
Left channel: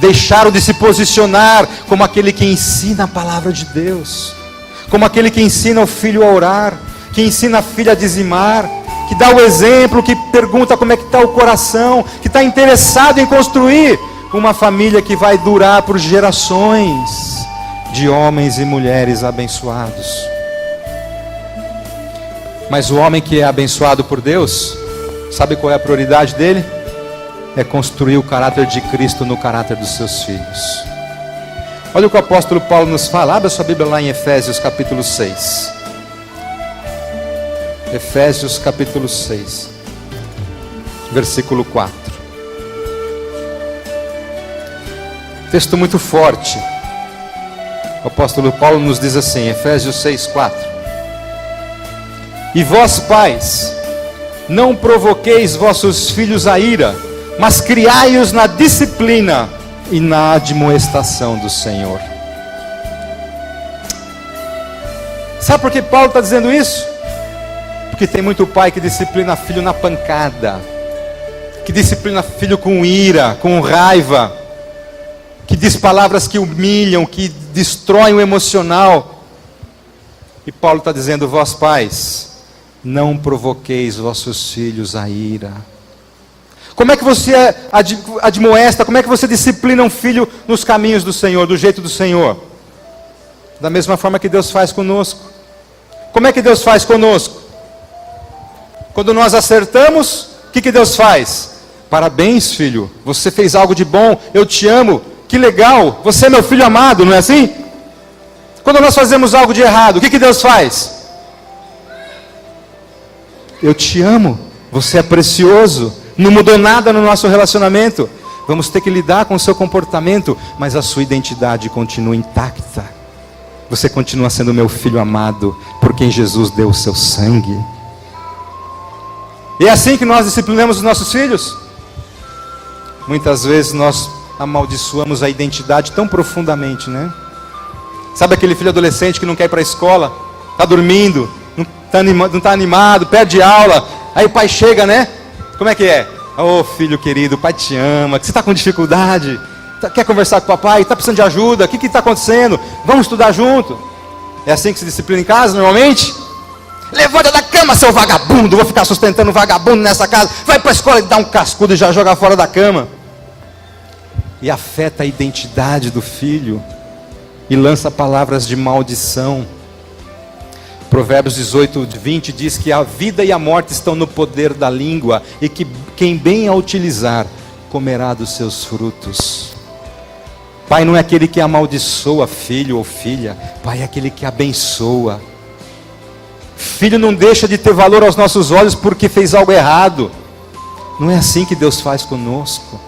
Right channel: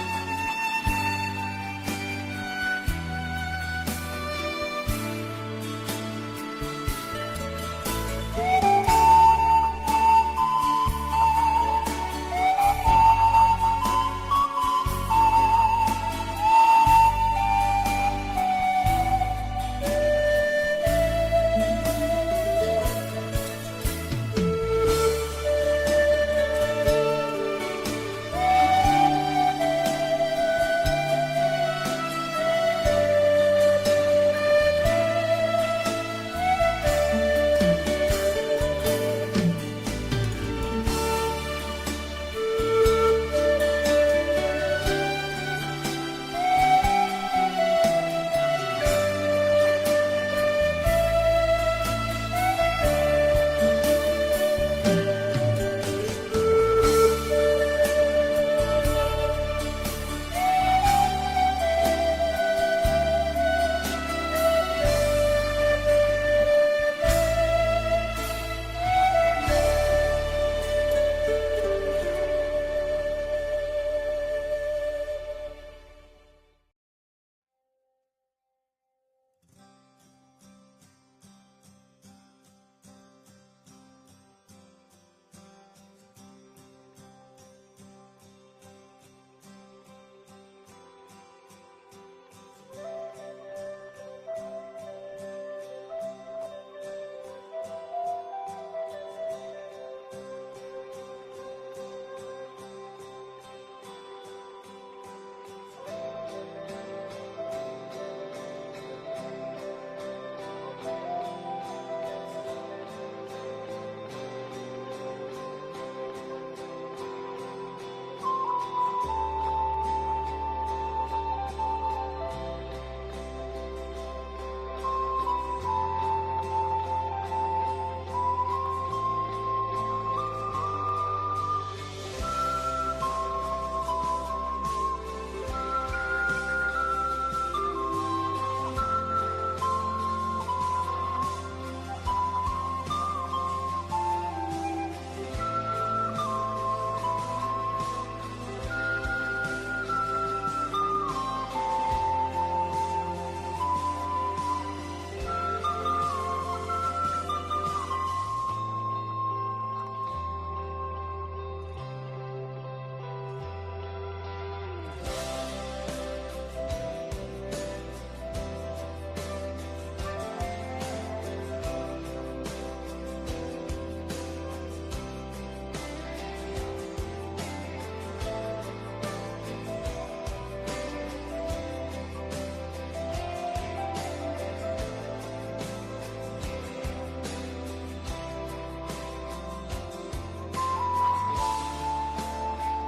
deixaram de se posicionar como aquele que ensina a palavra de Deus, como aquele que ensina o filho a orar, que ensina a filha a dizimar, que dá o exemplo, que pergunta como é que está o coração, que está interessado em construir uma família que vai durar por gerações de homens e mulheres abençoados. Mas o homem que é abençoado por Deus, sabe qual é a prioridade dele? É construir o caráter de Cristo no caráter dos seus filhos. Olha o que o apóstolo Paulo nos fala. Abra sua Bíblia lá em Efésios capítulo 6. Efésios capítulo 6, versículo 4. Texto muito forte. O apóstolo Paulo nos diz assim, Efésios 6, 4. E vós, pais, não provoqueis vossos filhos a ira, mas criai-os na disciplina e na admoestação do Senhor. Sabe por que Paulo está dizendo isso? Porque tem muito pai que disciplina filho na pancada, que disciplina filho com ira, com raiva, que diz palavras que humilham, que destroem o emocional. E Paulo está dizendo, vós pais, não provoqueis vossos filhos a ira. Como é que você admoesta, como é que você disciplina um filho nos caminhos do Senhor, do jeito do Senhor? Da mesma forma que Deus faz conosco. Como é que Deus faz conosco? Quando nós acertamos, o que Deus faz? Parabéns, filho, você fez algo de bom, eu te amo, que legal, você é meu filho amado, não é assim? Quando nós fazemos algo de errado, o que Deus faz? Eu te amo, você é precioso, não mudou nada no nosso relacionamento, vamos ter que lidar com o seu comportamento, mas a sua identidade continua intacta. Você continua sendo meu filho amado, por quem Jesus deu o seu sangue. E é assim que nós disciplinamos os nossos filhos? Muitas vezes nós amaldiçoamos a identidade tão profundamente, né? Sabe aquele filho adolescente que não quer ir para a escola, está dormindo, não está animado, perde aula, aí o pai chega, né? Como é que é? Ô filho querido, o pai te ama, você está com dificuldade, quer conversar com o papai, está precisando de ajuda, o que está acontecendo? Vamos estudar junto. É assim que se disciplina em casa normalmente? Levanta da cama, seu vagabundo, vou ficar sustentando um vagabundo nessa casa, vai para a escola e dá um cascudo e já joga fora da cama. E afeta a identidade do filho, e lança palavras de maldição. Provérbios 18, 20 diz que a vida e a morte estão no poder da língua, e que quem bem a utilizar, comerá dos seus frutos. Pai não é aquele que amaldiçoa filho ou filha, pai é aquele que abençoa. Filho não deixa de ter valor aos nossos olhos porque fez algo errado. Não é assim que Deus faz conosco.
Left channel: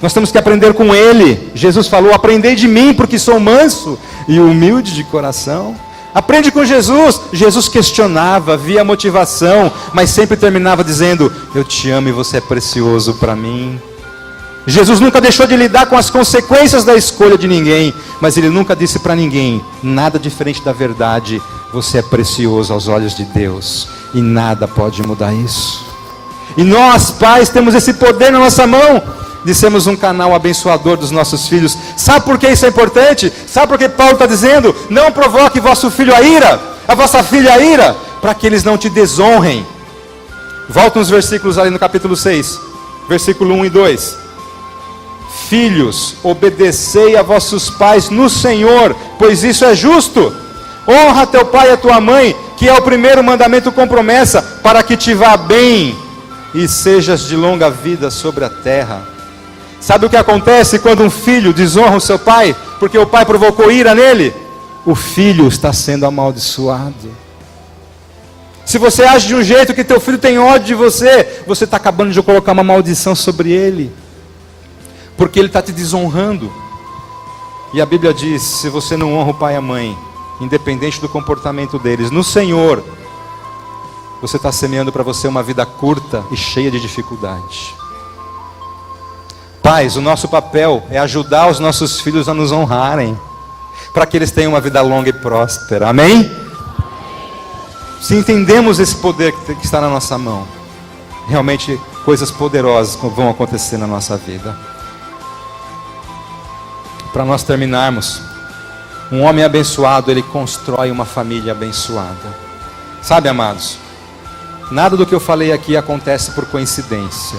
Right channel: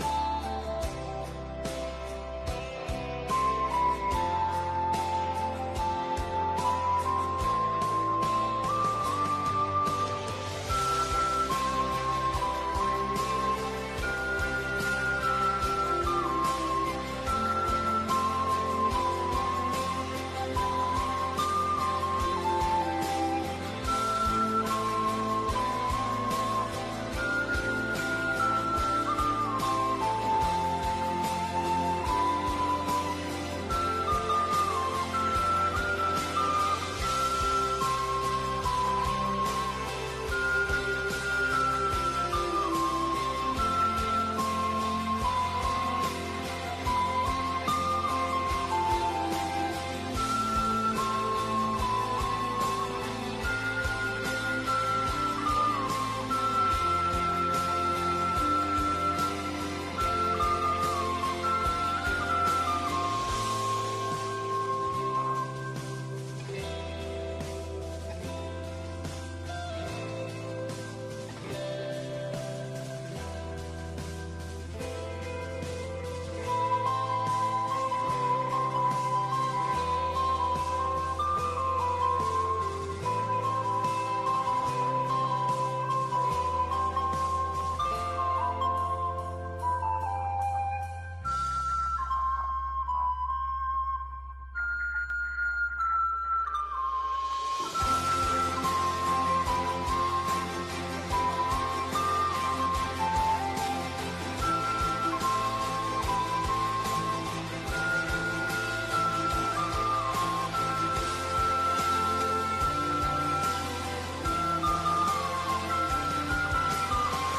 Nós temos que aprender com Ele. Jesus falou, aprendei de mim porque sou manso e humilde de coração. Aprende com Jesus. Jesus questionava, via motivação, mas sempre terminava dizendo, eu te amo e você é precioso para mim. Jesus nunca deixou de lidar com as consequências da escolha de ninguém, mas Ele nunca disse para ninguém, nada diferente da verdade, você é precioso aos olhos de Deus, e nada pode mudar isso. E nós, pais, temos esse poder na nossa mão, de sermos um canal abençoador dos nossos filhos. Sabe por que isso é importante? Sabe por que Paulo está dizendo, não provoque vosso filho a ira, a vossa filha a ira, para que eles não te desonrem. Volta uns versículos ali no capítulo 6, versículo 1 e 2. Filhos, obedecei a vossos pais no Senhor, pois isso é justo. Honra teu pai e a tua mãe, que é o primeiro mandamento com promessa, para que te vá bem e sejas de longa vida sobre a terra. Sabe o que acontece quando um filho desonra o seu pai, porque o pai provocou ira nele? O filho está sendo amaldiçoado. Se você age de um jeito que teu filho tem ódio de você, você está acabando de colocar uma maldição sobre ele, porque ele está te desonrando. E a Bíblia diz: se você não honra o pai e a mãe, independente do comportamento deles, no Senhor, você está semeando para você uma vida curta e cheia de dificuldade. Pais, o nosso papel é ajudar os nossos filhos a nos honrarem, para que eles tenham uma vida longa e próspera. Amém? Se entendemos esse poder que está na nossa mão, realmente coisas poderosas vão acontecer na nossa vida. Para nós terminarmos, um homem abençoado, ele constrói uma família abençoada. Sabe, amados, nada do que eu falei aqui acontece por coincidência.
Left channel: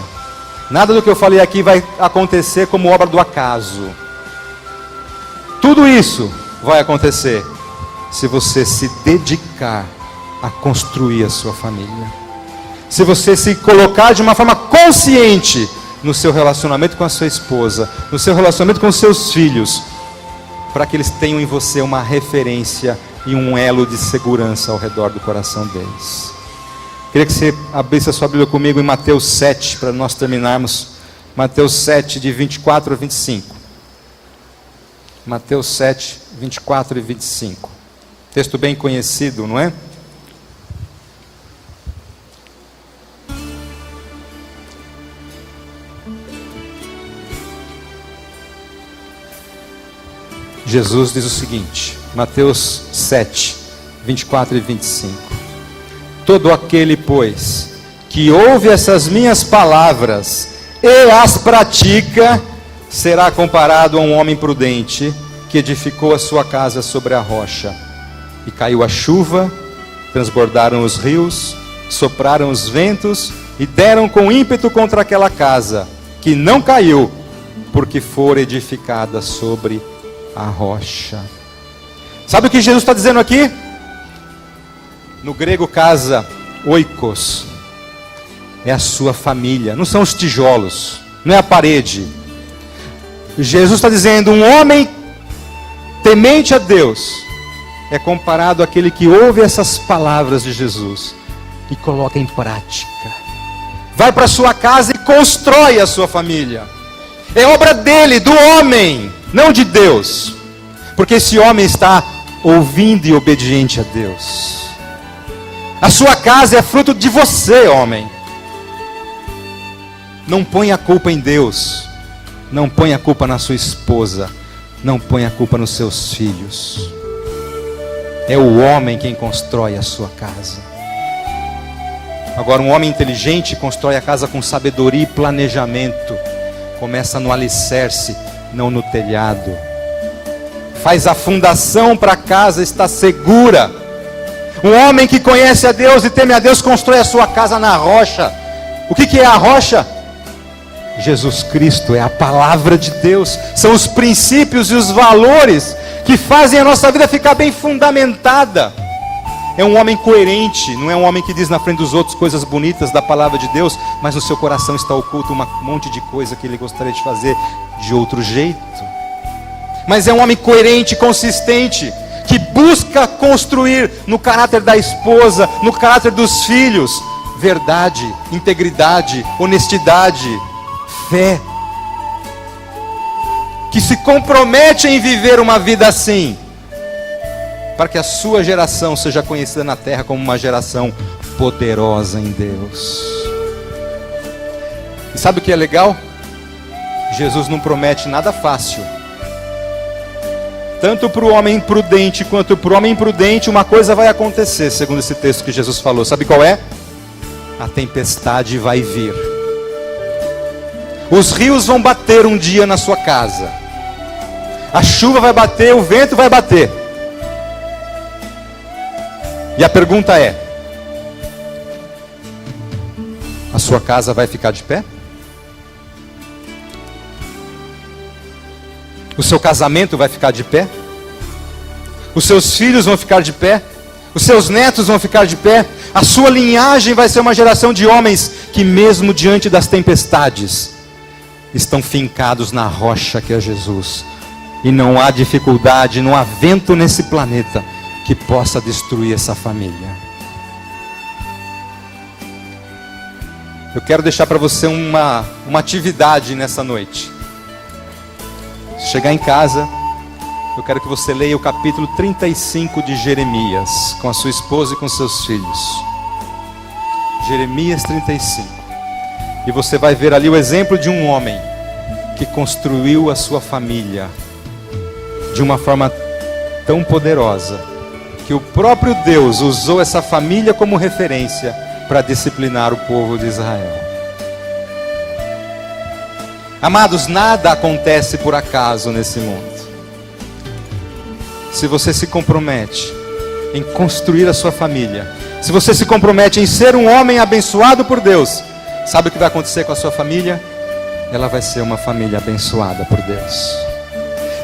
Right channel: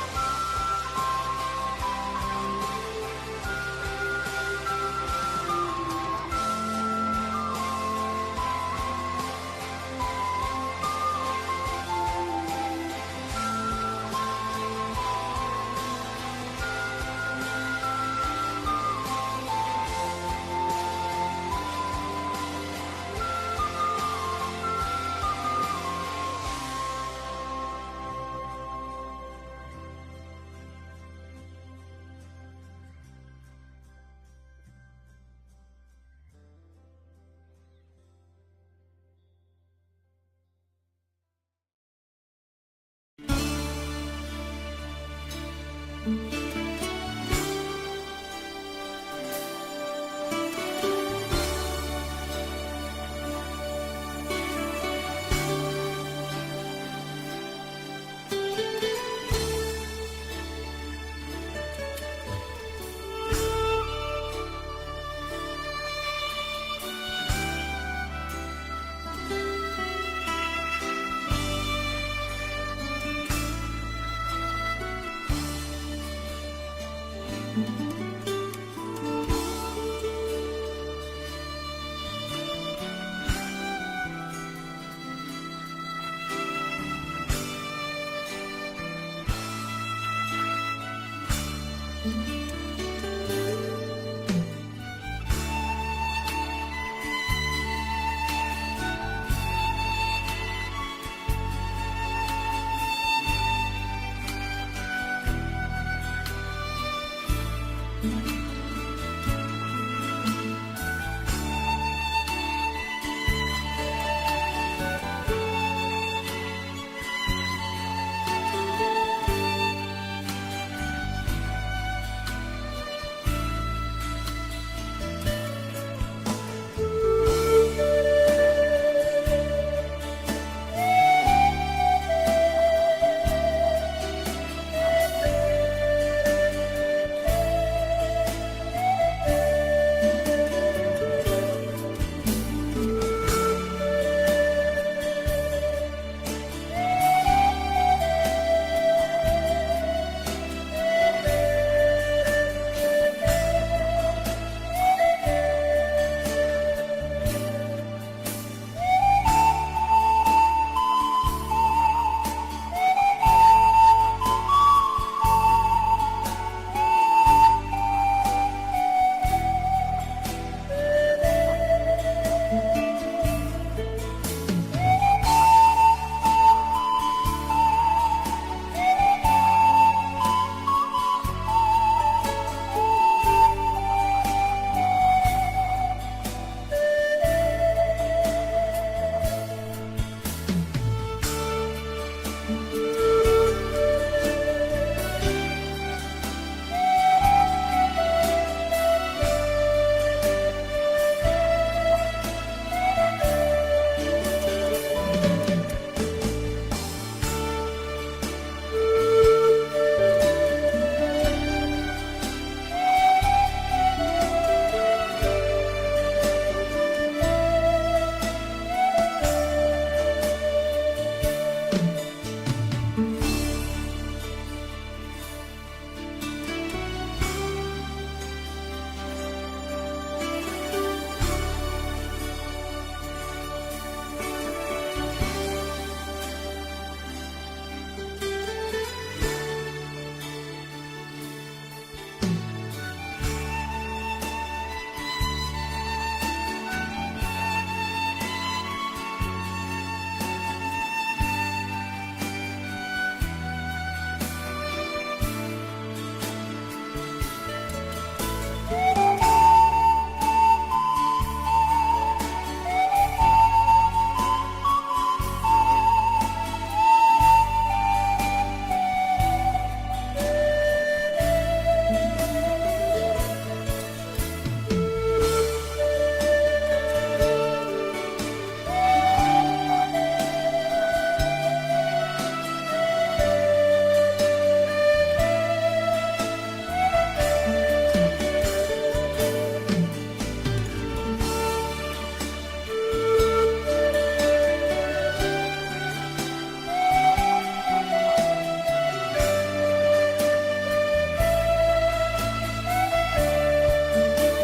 Nada do que eu falei aqui vai acontecer como obra do acaso. Tudo isso vai acontecer se você se dedicar a construir a sua família. Se você se colocar de uma forma consciente no seu relacionamento com a sua esposa, no seu relacionamento com os seus filhos, para que eles tenham em você uma referência e um elo de segurança ao redor do coração deles. Queria que você abrisse a sua Bíblia comigo em Mateus 7, para nós terminarmos. Mateus 7, de 24 a 25. Mateus 7, 24 e 25. Texto bem conhecido, não é? Jesus diz o seguinte, Mateus 7, 24 e 25. Todo aquele, pois, que ouve essas minhas palavras e as pratica, será comparado a um homem prudente, que edificou a sua casa sobre a rocha. E caiu a chuva, transbordaram os rios, sopraram os ventos, e deram com ímpeto contra aquela casa, que não caiu, porque fora edificada sobre a rocha. Sabe o que Jesus está dizendo aqui? No grego, casa, oikos, é a sua família, não são os tijolos, não é a parede. Jesus está dizendo, um homem temente a Deus é comparado àquele que ouve essas palavras de Jesus e coloca em prática. Vai para sua casa e constrói a sua família. É obra dele, do homem, não de Deus, porque esse homem está ouvindo e obediente a Deus. A sua casa é fruto de você, homem. Não ponha a culpa em Deus, não ponha a culpa na sua esposa, não ponha a culpa nos seus filhos. É o homem quem constrói a sua casa. Agora, um homem inteligente constrói a casa com sabedoria e planejamento. Começa no alicerce, não no telhado. Faz a fundação para a casa estar segura. Um homem que conhece a Deus e teme a Deus constrói a sua casa na rocha. O que é a rocha? Jesus Cristo, é a palavra de Deus. São os princípios e os valores que fazem a nossa vida ficar bem fundamentada. É um homem coerente, não é um homem que diz na frente dos outros coisas bonitas da palavra de Deus, mas no seu coração está oculto um monte de coisa que ele gostaria de fazer de outro jeito. Mas é um homem coerente, consistente, que busca construir no caráter da esposa, no caráter dos filhos, verdade, integridade, honestidade, fé, que se compromete em viver uma vida assim, para que a sua geração seja conhecida na terra como uma geração poderosa em Deus. E sabe o que é legal? Jesus não promete nada fácil. Tanto para o homem prudente quanto para o homem imprudente, uma coisa vai acontecer, segundo esse texto que Jesus falou. Sabe qual é? A tempestade vai vir. Os rios vão bater um dia na sua casa. A chuva vai bater, o vento vai bater. E a pergunta é: a sua casa vai ficar de pé? O seu casamento vai ficar de pé? Os seus filhos vão ficar de pé? Os seus netos vão ficar de pé? A sua linhagem vai ser uma geração de homens que, mesmo diante das tempestades, estão fincados na rocha que é Jesus. E não há dificuldade, não há vento nesse planeta que possa destruir essa família. Eu quero deixar para você uma atividade nessa noite. Chegar em casa, eu quero que você leia o capítulo 35 de Jeremias, com a sua esposa e com seus filhos. Jeremias 35. E você vai ver ali o exemplo de um homem que construiu a sua família de uma forma tão poderosa, que o próprio Deus usou essa família como referência para disciplinar o povo de Israel. Amados, nada acontece por acaso nesse mundo. Se você se compromete em construir a sua família, se você se compromete em ser um homem abençoado por Deus, sabe o que vai acontecer com a sua família? Ela vai ser uma família abençoada por Deus.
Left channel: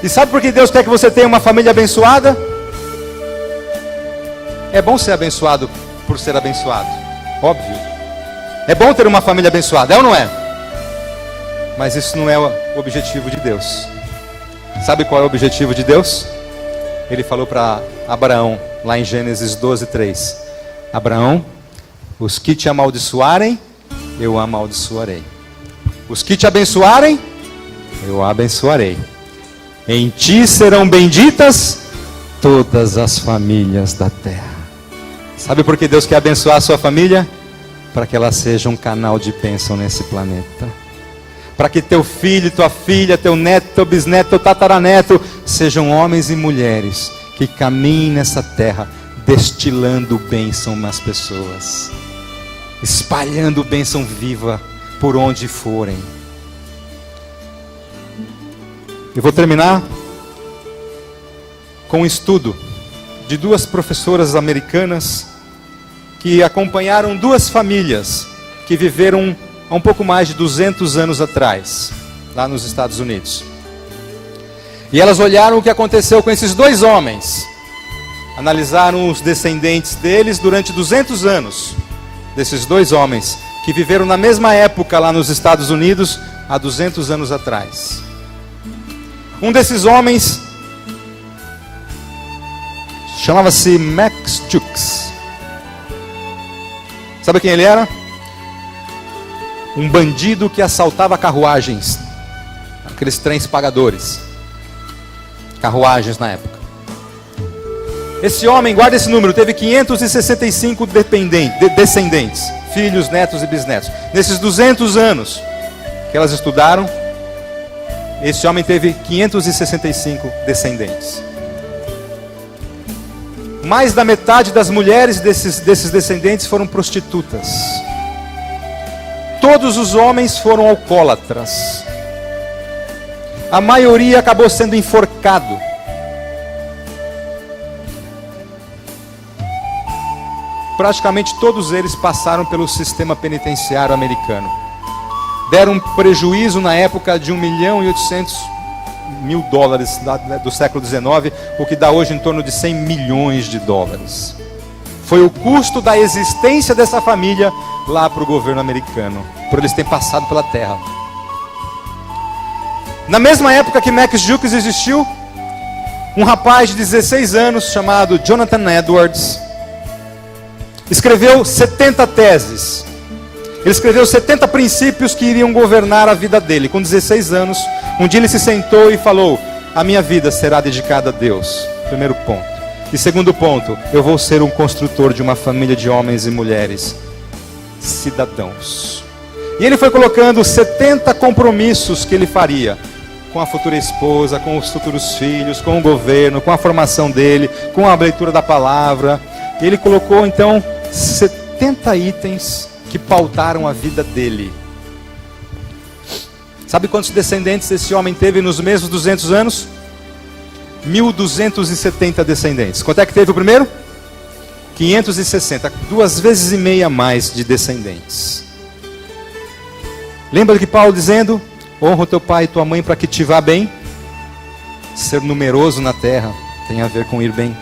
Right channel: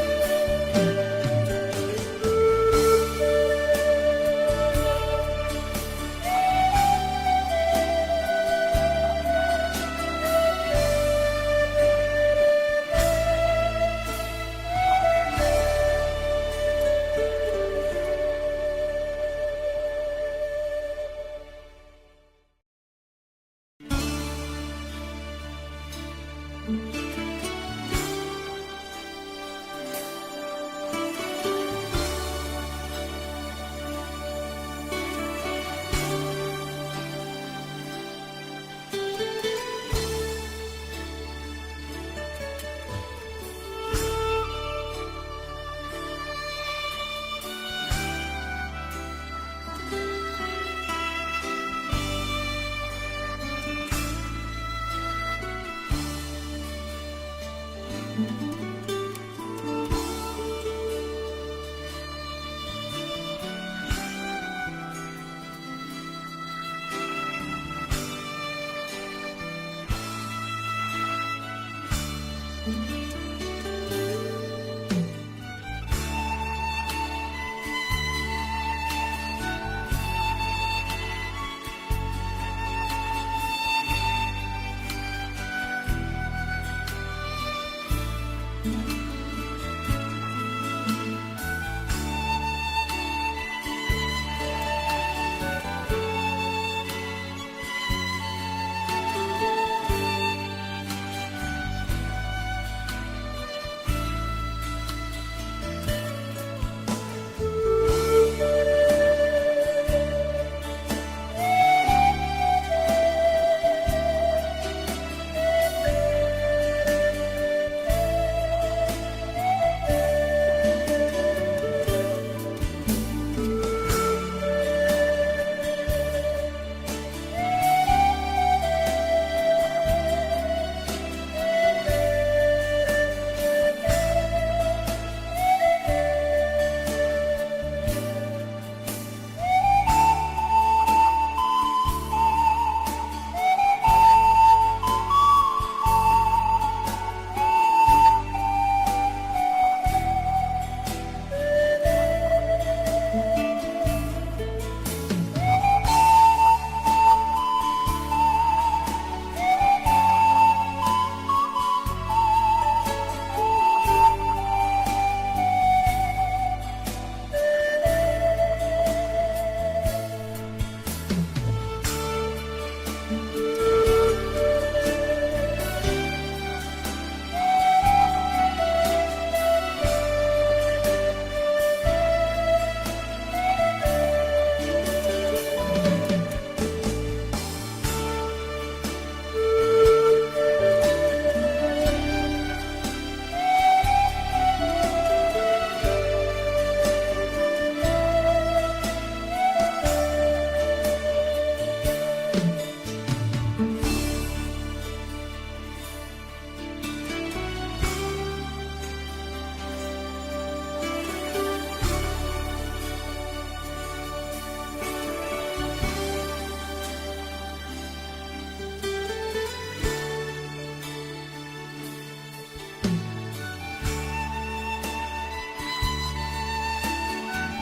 E sabe por que Deus quer que você tenha uma família abençoada? É bom ser abençoado por ser abençoado, óbvio. É bom ter uma família abençoada, é ou não é? Mas isso não é o objetivo de Deus. Sabe qual é o objetivo de Deus? Ele falou para Abraão, lá em Gênesis 12:3. Abraão, os que te amaldiçoarem, eu amaldiçoarei. Os que te abençoarem, eu abençoarei. Em ti serão benditas todas as famílias da terra. Sabe por que Deus quer abençoar a sua família? Para que ela seja um canal de bênção nesse planeta. Para que teu filho, tua filha, teu neto, teu bisneto, teu tataraneto sejam homens e mulheres que caminhem nessa terra destilando bênção nas pessoas, espalhando bênção viva por onde forem. Eu vou terminar com um estudo de duas professoras americanas que acompanharam duas famílias que viveram há um pouco mais de 200 anos atrás, lá nos Estados Unidos. E elas olharam o que aconteceu com esses dois homens, analisaram os descendentes deles durante 200 anos, desses dois homens que viveram na mesma época lá nos Estados Unidos, há 200 anos atrás. Um desses homens chamava-se Max Jukes. Sabe quem ele era? Um bandido que assaltava carruagens, aqueles trens pagadores, carruagens na época. Esse homem, guarda esse número, teve 565 descendentes, filhos, netos e bisnetos. Nesses 200 anos que elas estudaram, esse homem teve 565 descendentes. Mais da metade das mulheres desses descendentes foram prostitutas. Todos os homens foram alcoólatras. A maioria acabou sendo enforcado. Praticamente todos eles passaram pelo sistema penitenciário americano. Deram um prejuízo na época de $1.800.000 do século XIX, o que dá hoje em torno de $100 milhões. Foi o custo da existência dessa família lá para o governo americano, por eles terem passado pela terra. Na mesma época que Max Jukes existiu, um rapaz de 16 anos chamado Jonathan Edwards escreveu 70 teses. Ele escreveu 70 princípios que iriam governar a vida dele. Com 16 anos, um dia ele se sentou e falou: a minha vida será dedicada a Deus. Primeiro ponto. E segundo ponto, eu vou ser um construtor de uma família de homens e mulheres cidadãos. E ele foi colocando 70 compromissos que ele faria com a futura esposa, com os futuros filhos, com o governo, com a formação dele, com a leitura da palavra. E ele colocou então 70 itens que pautaram a vida dele. Sabe quantos descendentes esse homem teve nos mesmos 200 anos? 1.270 descendentes. Quanto é que teve o primeiro? 560, 2,5 vezes mais de descendentes. Lembra que Paulo dizendo: honra o teu pai e tua mãe para que te vá bem? Ser numeroso na terra tem a ver com ir bem.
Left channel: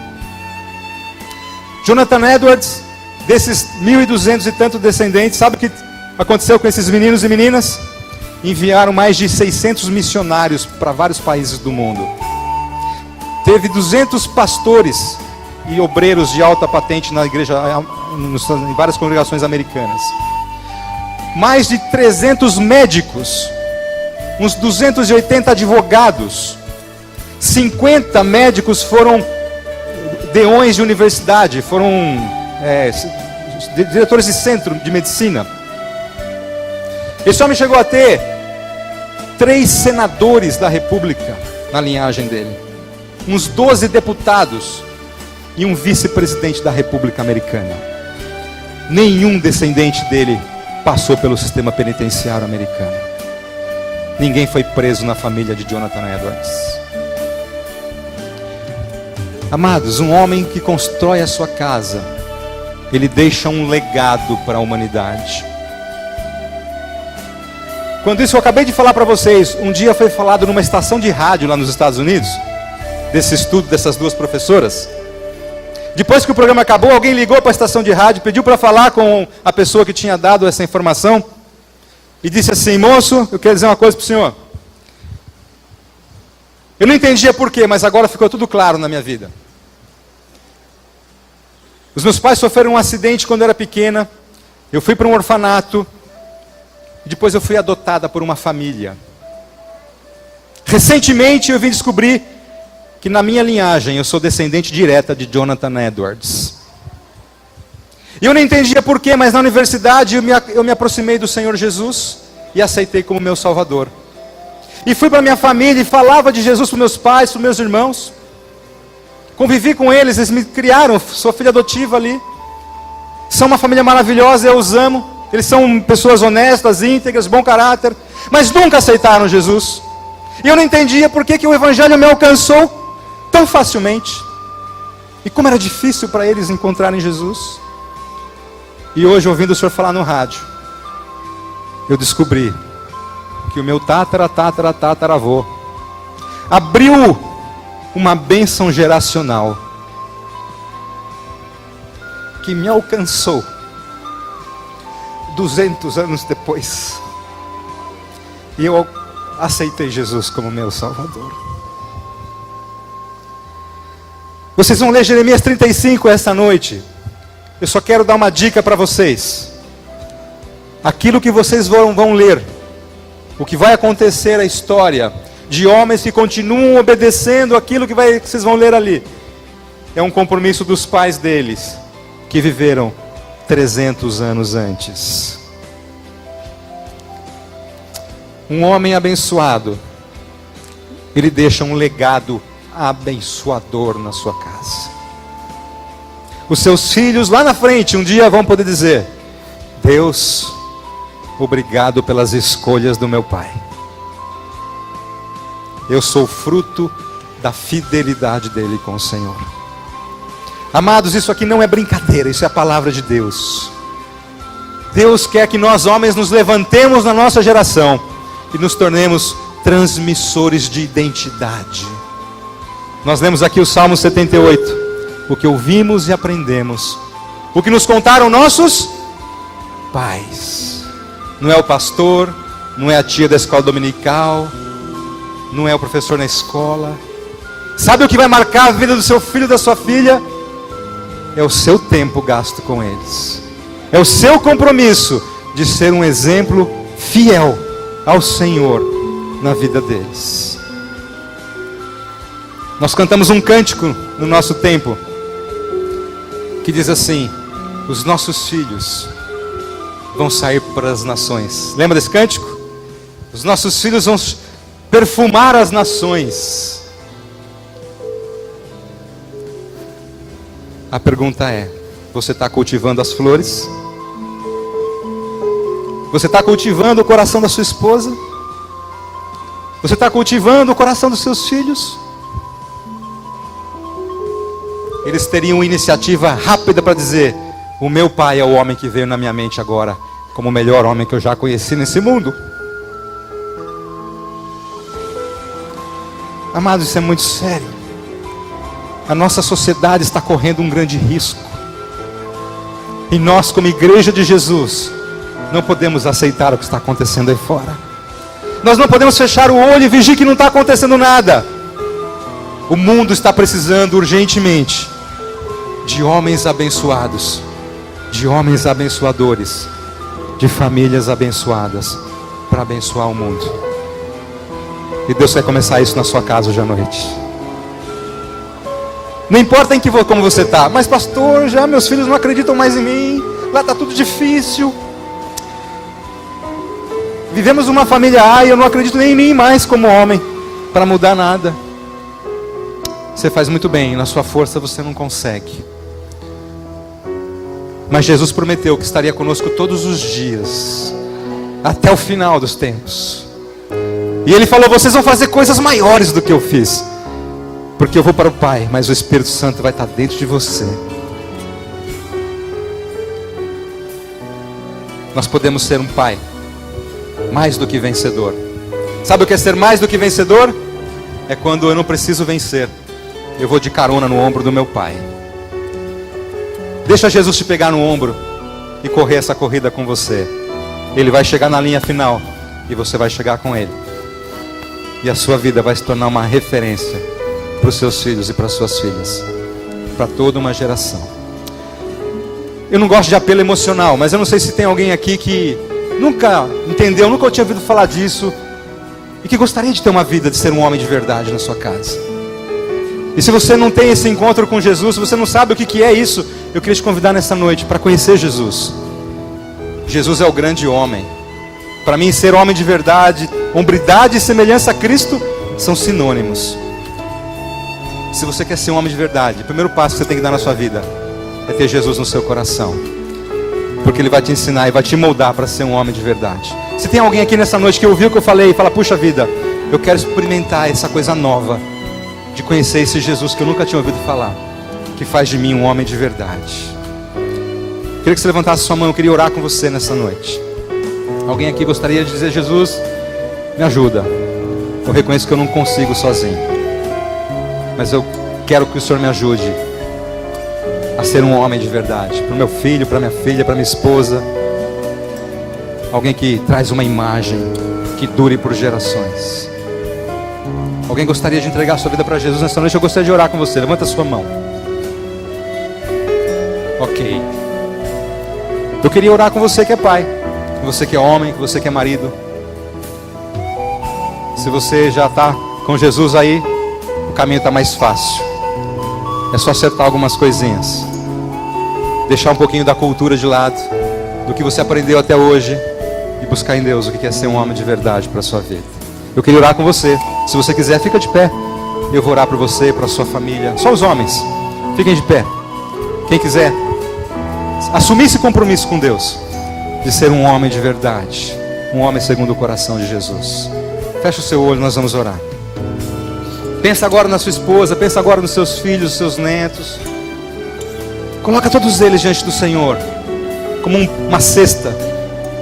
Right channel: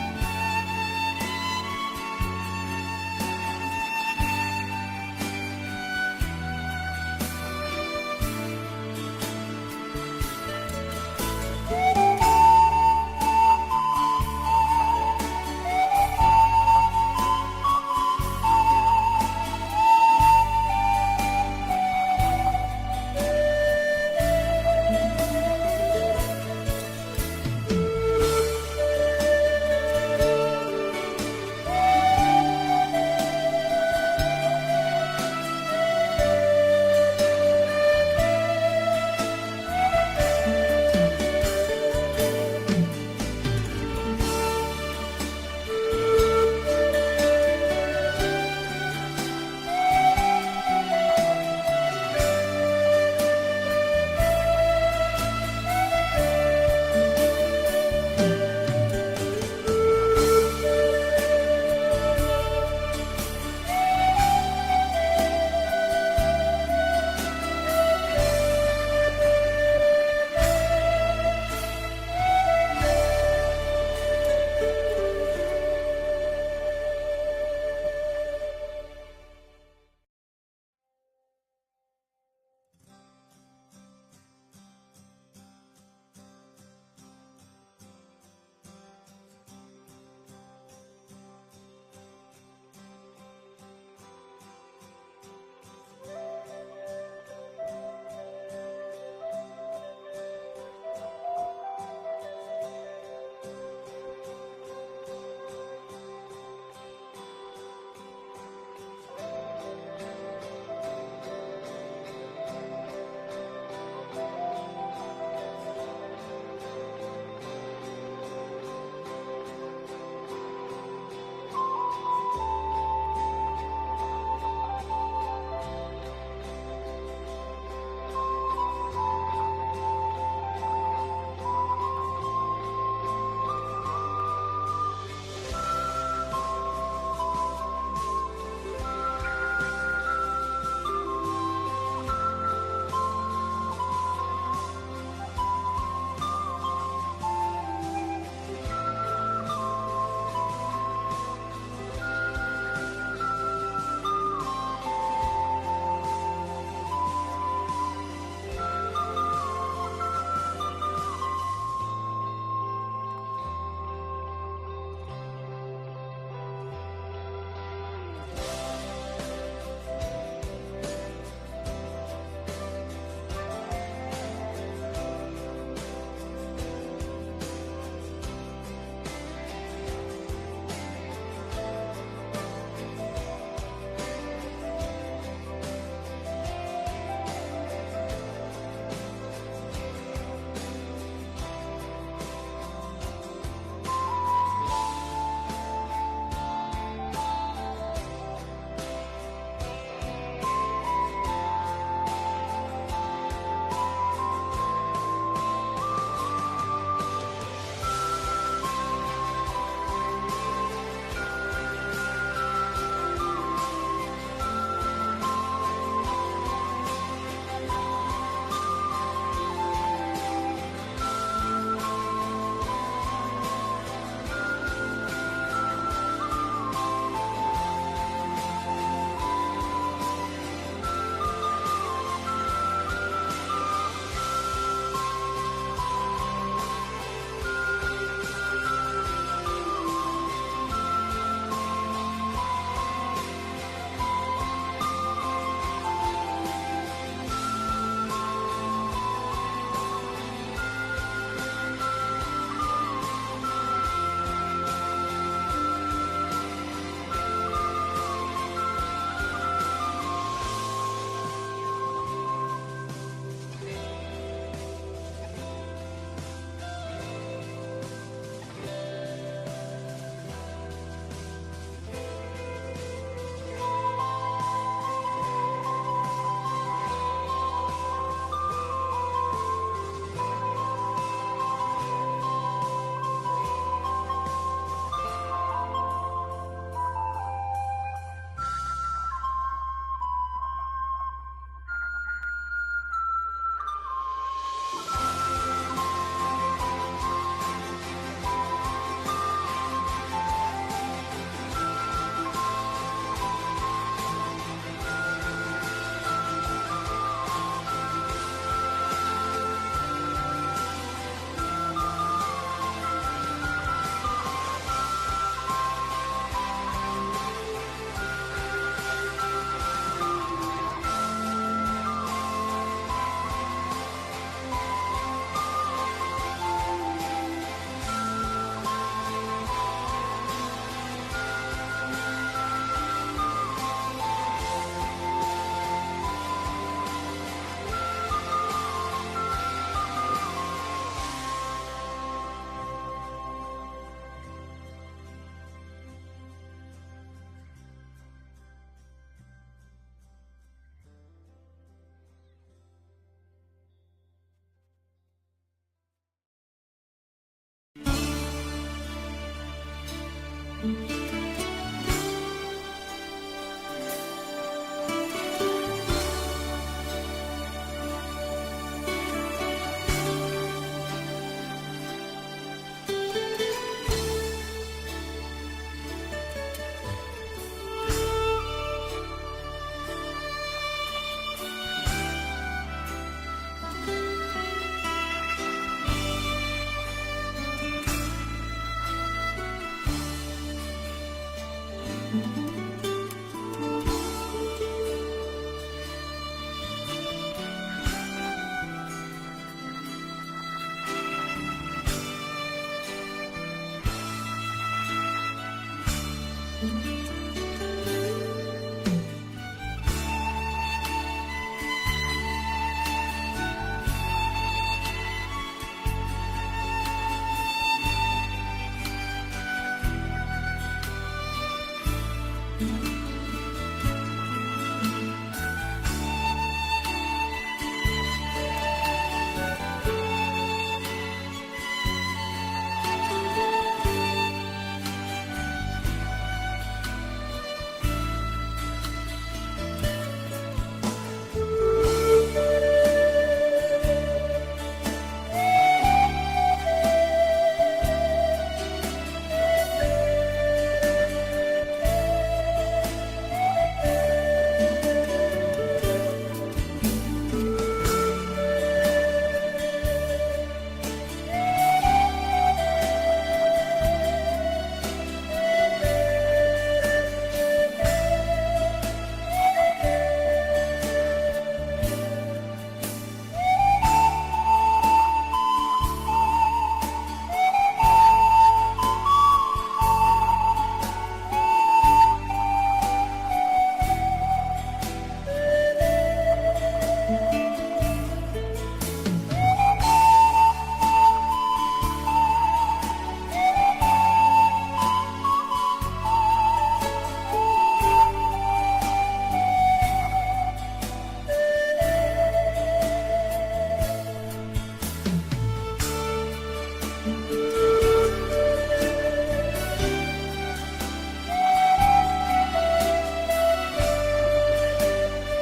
Jonathan Edwards, desses 1.200 e tantos descendentes, sabe o que aconteceu com esses meninos e meninas? Enviaram mais de 600 missionários para vários países do mundo. Teve 200 pastores e obreiros de alta patente na igreja, em várias congregações americanas. Mais de 300 médicos, uns 280 advogados, 50 médicos foram deões de universidade, foram diretores de centro de medicina. Esse homem chegou a ter 3 senadores da república na linhagem dele, uns 12 deputados e um vice-presidente da república americana. Nenhum descendente dele passou pelo sistema penitenciário americano. Ninguém foi preso na família de Jonathan Edwards. Amados, um homem que constrói a sua casa, ele deixa um legado para a humanidade. Quando isso eu acabei de falar para vocês, um dia foi falado numa estação de rádio lá nos Estados Unidos, desse estudo dessas 2 professoras. Depois que o programa acabou, alguém ligou para a estação de rádio, pediu para falar com a pessoa que tinha dado essa informação, e disse assim: moço, eu quero dizer uma coisa para o senhor. Eu não entendia porquê, mas agora ficou tudo claro na minha vida. Os meus pais sofreram um acidente quando eu era pequena, eu fui para um orfanato, depois eu fui adotada por uma família. Recentemente eu vim descobrir que na minha linhagem eu sou descendente direta de Jonathan Edwards. E eu não entendia porquê, mas na universidade eu me aproximei do Senhor Jesus e aceitei como meu Salvador. E fui para minha família e falava de Jesus para meus pais, para meus irmãos. Convivi com eles, eles me criaram, sou filha adotiva ali. São uma família maravilhosa, eu os amo. Eles são pessoas honestas, íntegras, bom caráter, mas nunca aceitaram Jesus. E eu não entendia por que o Evangelho me alcançou tão facilmente. E como era difícil para eles encontrarem Jesus. E hoje, ouvindo o Senhor falar no rádio, eu descobri que o meu tataravô abriu uma bênção geracional que me alcançou 200 anos depois. E eu aceitei Jesus como meu Salvador. Vocês vão ler Jeremias 35 esta noite. Eu só quero dar uma dica para vocês. Aquilo que vocês vão ler, o que vai acontecer, a história de homens que continuam obedecendo aquilo que vocês vão ler ali, é um compromisso dos pais deles, que viveram 300 anos antes. Um homem abençoado, ele deixa um legado abençoador na sua casa. Os seus filhos lá na frente um dia vão poder dizer: Deus, obrigado pelas escolhas do meu pai. Eu sou fruto da fidelidade dele com o Senhor. Amados, isso aqui não é brincadeira, isso é a palavra de Deus. Deus quer que nós homens nos levantemos na nossa geração e nos tornemos transmissores de identidade. Nós lemos aqui o Salmo 78. O que ouvimos e aprendemos, o que nos contaram nossos pais. Não é o pastor, não é a tia da escola dominical, não é o professor na escola. Sabe o que vai marcar a vida do seu filho e da sua filha? É o seu tempo gasto com eles. É o seu compromisso de ser um exemplo fiel ao Senhor na vida deles. Nós cantamos um cântico no nosso tempo que diz assim: os nossos filhos vão sair para as nações. Lembra desse cântico? Os nossos filhos vão perfumar as nações. A pergunta é: você está cultivando as flores? Você está cultivando o coração da sua esposa? Você está cultivando o coração dos seus filhos? Eles teriam iniciativa rápida para dizer: o meu pai é o homem que veio na minha mente agora como o melhor homem que eu já conheci nesse mundo. Amados, isso é muito sério. A nossa sociedade está correndo um grande risco. E nós, como igreja de Jesus, não podemos aceitar o que está acontecendo aí fora. Nós não podemos fechar o olho e fingir que não está acontecendo nada. O mundo está precisando urgentemente de homens abençoados, de homens abençoadores, de famílias abençoadas, para abençoar o mundo. E Deus vai começar isso na sua casa hoje à noite. Não importa como você está. Mas pastor, já meus filhos não acreditam mais em mim. Lá está tudo difícil. Vivemos uma família A e eu não acredito nem em mim mais como homem para mudar nada. Você faz muito bem, na sua força você não consegue. Mas Jesus prometeu que estaria conosco todos os dias, até o final dos tempos. E Ele falou: vocês vão fazer coisas maiores do que eu fiz, porque eu vou para o Pai, mas o Espírito Santo vai estar dentro de você. Nós podemos ser um pai mais do que vencedor. Sabe o que é ser mais do que vencedor? É quando eu não preciso vencer, eu vou de carona no ombro do meu pai. Deixa Jesus te pegar no ombro e correr essa corrida com você. Ele vai chegar na linha final e você vai chegar com Ele. E a sua vida vai se tornar uma referência para os seus filhos e para as suas filhas, para toda uma geração. Eu não gosto de apelo emocional, mas eu não sei se tem alguém aqui que nunca entendeu, nunca tinha ouvido falar disso e que gostaria de ter uma vida de ser um homem de verdade na sua casa. E se você não tem esse encontro com Jesus, se você não sabe o que é isso, eu queria te convidar nessa noite para conhecer Jesus. Jesus é o grande homem. Para mim, ser homem de verdade, hombridade e semelhança a Cristo são sinônimos. Se você quer ser um homem de verdade, o primeiro passo que você tem que dar na sua vida é ter Jesus no seu coração, porque Ele vai te ensinar e vai te moldar para ser um homem de verdade. Se tem alguém aqui nessa noite que ouviu o que eu falei e fala: puxa vida, eu quero experimentar essa coisa nova de conhecer esse Jesus que eu nunca tinha ouvido falar, que faz de mim um homem de verdade. Queria que você levantasse sua mão, eu queria orar com você nessa noite. Alguém aqui gostaria de dizer: Jesus, me ajuda. Eu reconheço que eu não consigo sozinho, mas eu quero que o Senhor me ajude a ser um homem de verdade, para o meu filho, para minha filha, para minha esposa. Alguém que traz uma imagem que dure por gerações. Alguém gostaria de entregar a sua vida para Jesus nessa noite? Eu gostaria de orar com você. Levanta a sua mão. Ok. Eu queria orar com você que é pai, com você que é homem, com você que é marido. Se você já está com Jesus aí, o caminho está mais fácil. É só acertar algumas coisinhas, deixar um pouquinho da cultura de lado, do que você aprendeu até hoje, e buscar em Deus o que é ser um homem de verdade para a sua vida. Eu queria orar com você. Se você quiser, fica de pé. Eu vou orar por você, para a sua família. Só os homens, fiquem de pé. Quem quiser assumir esse compromisso com Deus, de ser um homem de verdade, um homem segundo o coração de Jesus. Fecha o seu olho, nós vamos orar. Pensa agora na sua esposa, pensa agora nos seus filhos, nos seus netos. Coloca todos eles diante do Senhor, como uma cesta.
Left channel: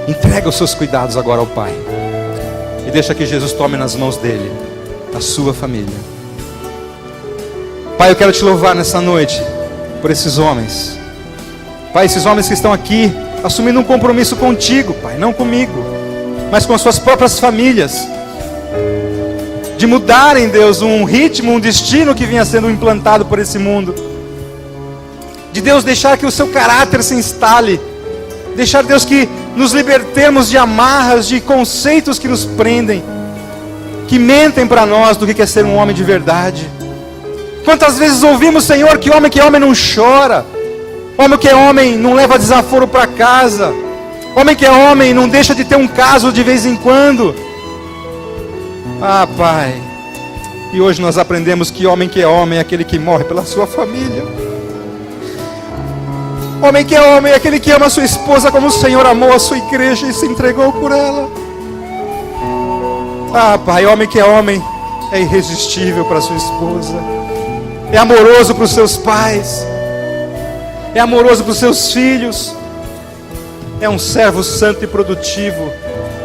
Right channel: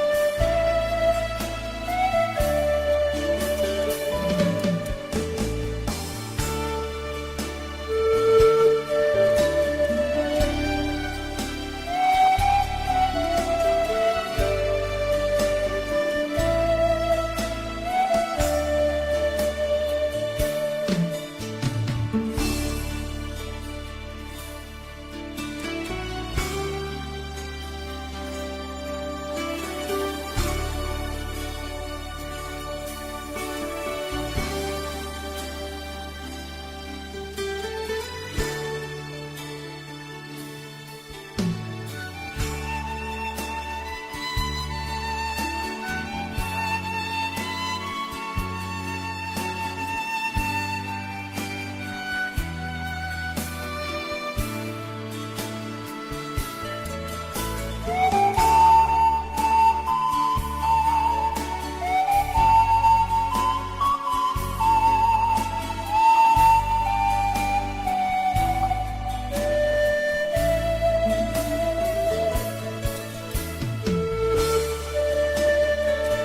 Entrega os seus cuidados agora ao Pai. E deixa que Jesus tome nas mãos dele a sua família. Pai, eu quero te louvar nessa noite por esses homens. Pai, esses homens que estão aqui assumindo um compromisso contigo, Pai, não comigo, mas com as suas próprias famílias, de mudarem, Deus, um ritmo, um destino que vinha sendo implantado por esse mundo, de Deus deixar que o seu caráter se instale, deixar, Deus, que nos libertemos de amarras, de conceitos que nos prendem, que mentem para nós do que é ser um homem de verdade. Quantas vezes ouvimos, Senhor, que é homem não chora, homem que é homem não leva desaforo para casa, homem que é homem não deixa de ter um caso de vez em quando. Ah, Pai, e hoje nós aprendemos que é homem é aquele que morre pela sua família. Homem que é homem é aquele que ama a sua esposa como o Senhor amou a sua igreja e se entregou por ela. Ah, Pai, homem que é homem é irresistível para sua esposa, é amoroso para os seus pais, é amoroso para os seus filhos, é um servo santo e produtivo,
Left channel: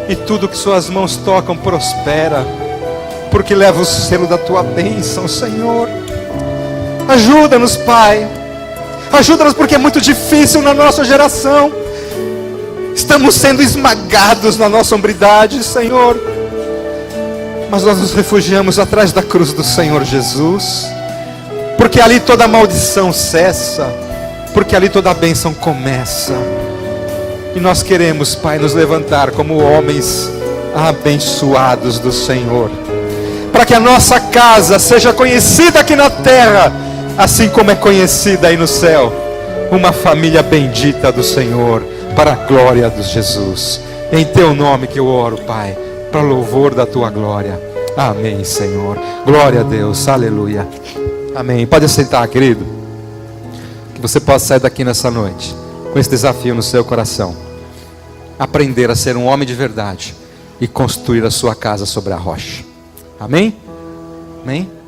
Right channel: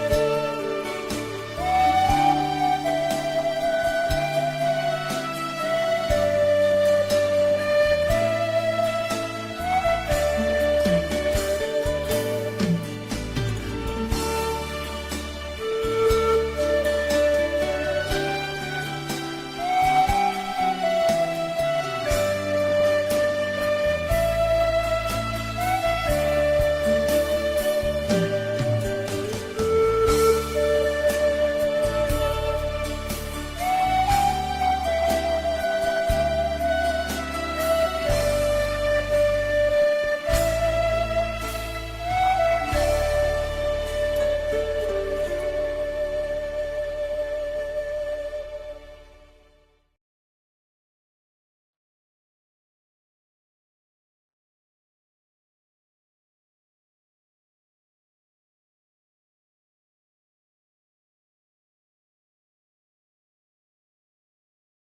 e tudo que suas mãos tocam prospera, porque leva o selo da tua bênção, Senhor. Ajuda-nos, Pai, ajuda-nos, porque é muito difícil na nossa geração. Estamos sendo esmagados na nossa hombridade, Senhor, mas nós nos refugiamos atrás da cruz do Senhor Jesus, porque ali toda maldição cessa, porque ali toda a bênção começa. E nós queremos, Pai, nos levantar como homens abençoados do Senhor, para que a nossa casa seja conhecida aqui na terra assim como é conhecida aí no céu, uma família bendita do Senhor, para a glória de Jesus. Em teu nome que eu oro, Pai, para louvor da tua glória. Amém, Senhor. Glória a Deus, aleluia. Amém. Pode sentar, querido. Que você possa sair daqui nessa noite com esse desafio no seu coração: aprender a ser um homem de verdade e construir a sua casa sobre a rocha. Amém? Amém?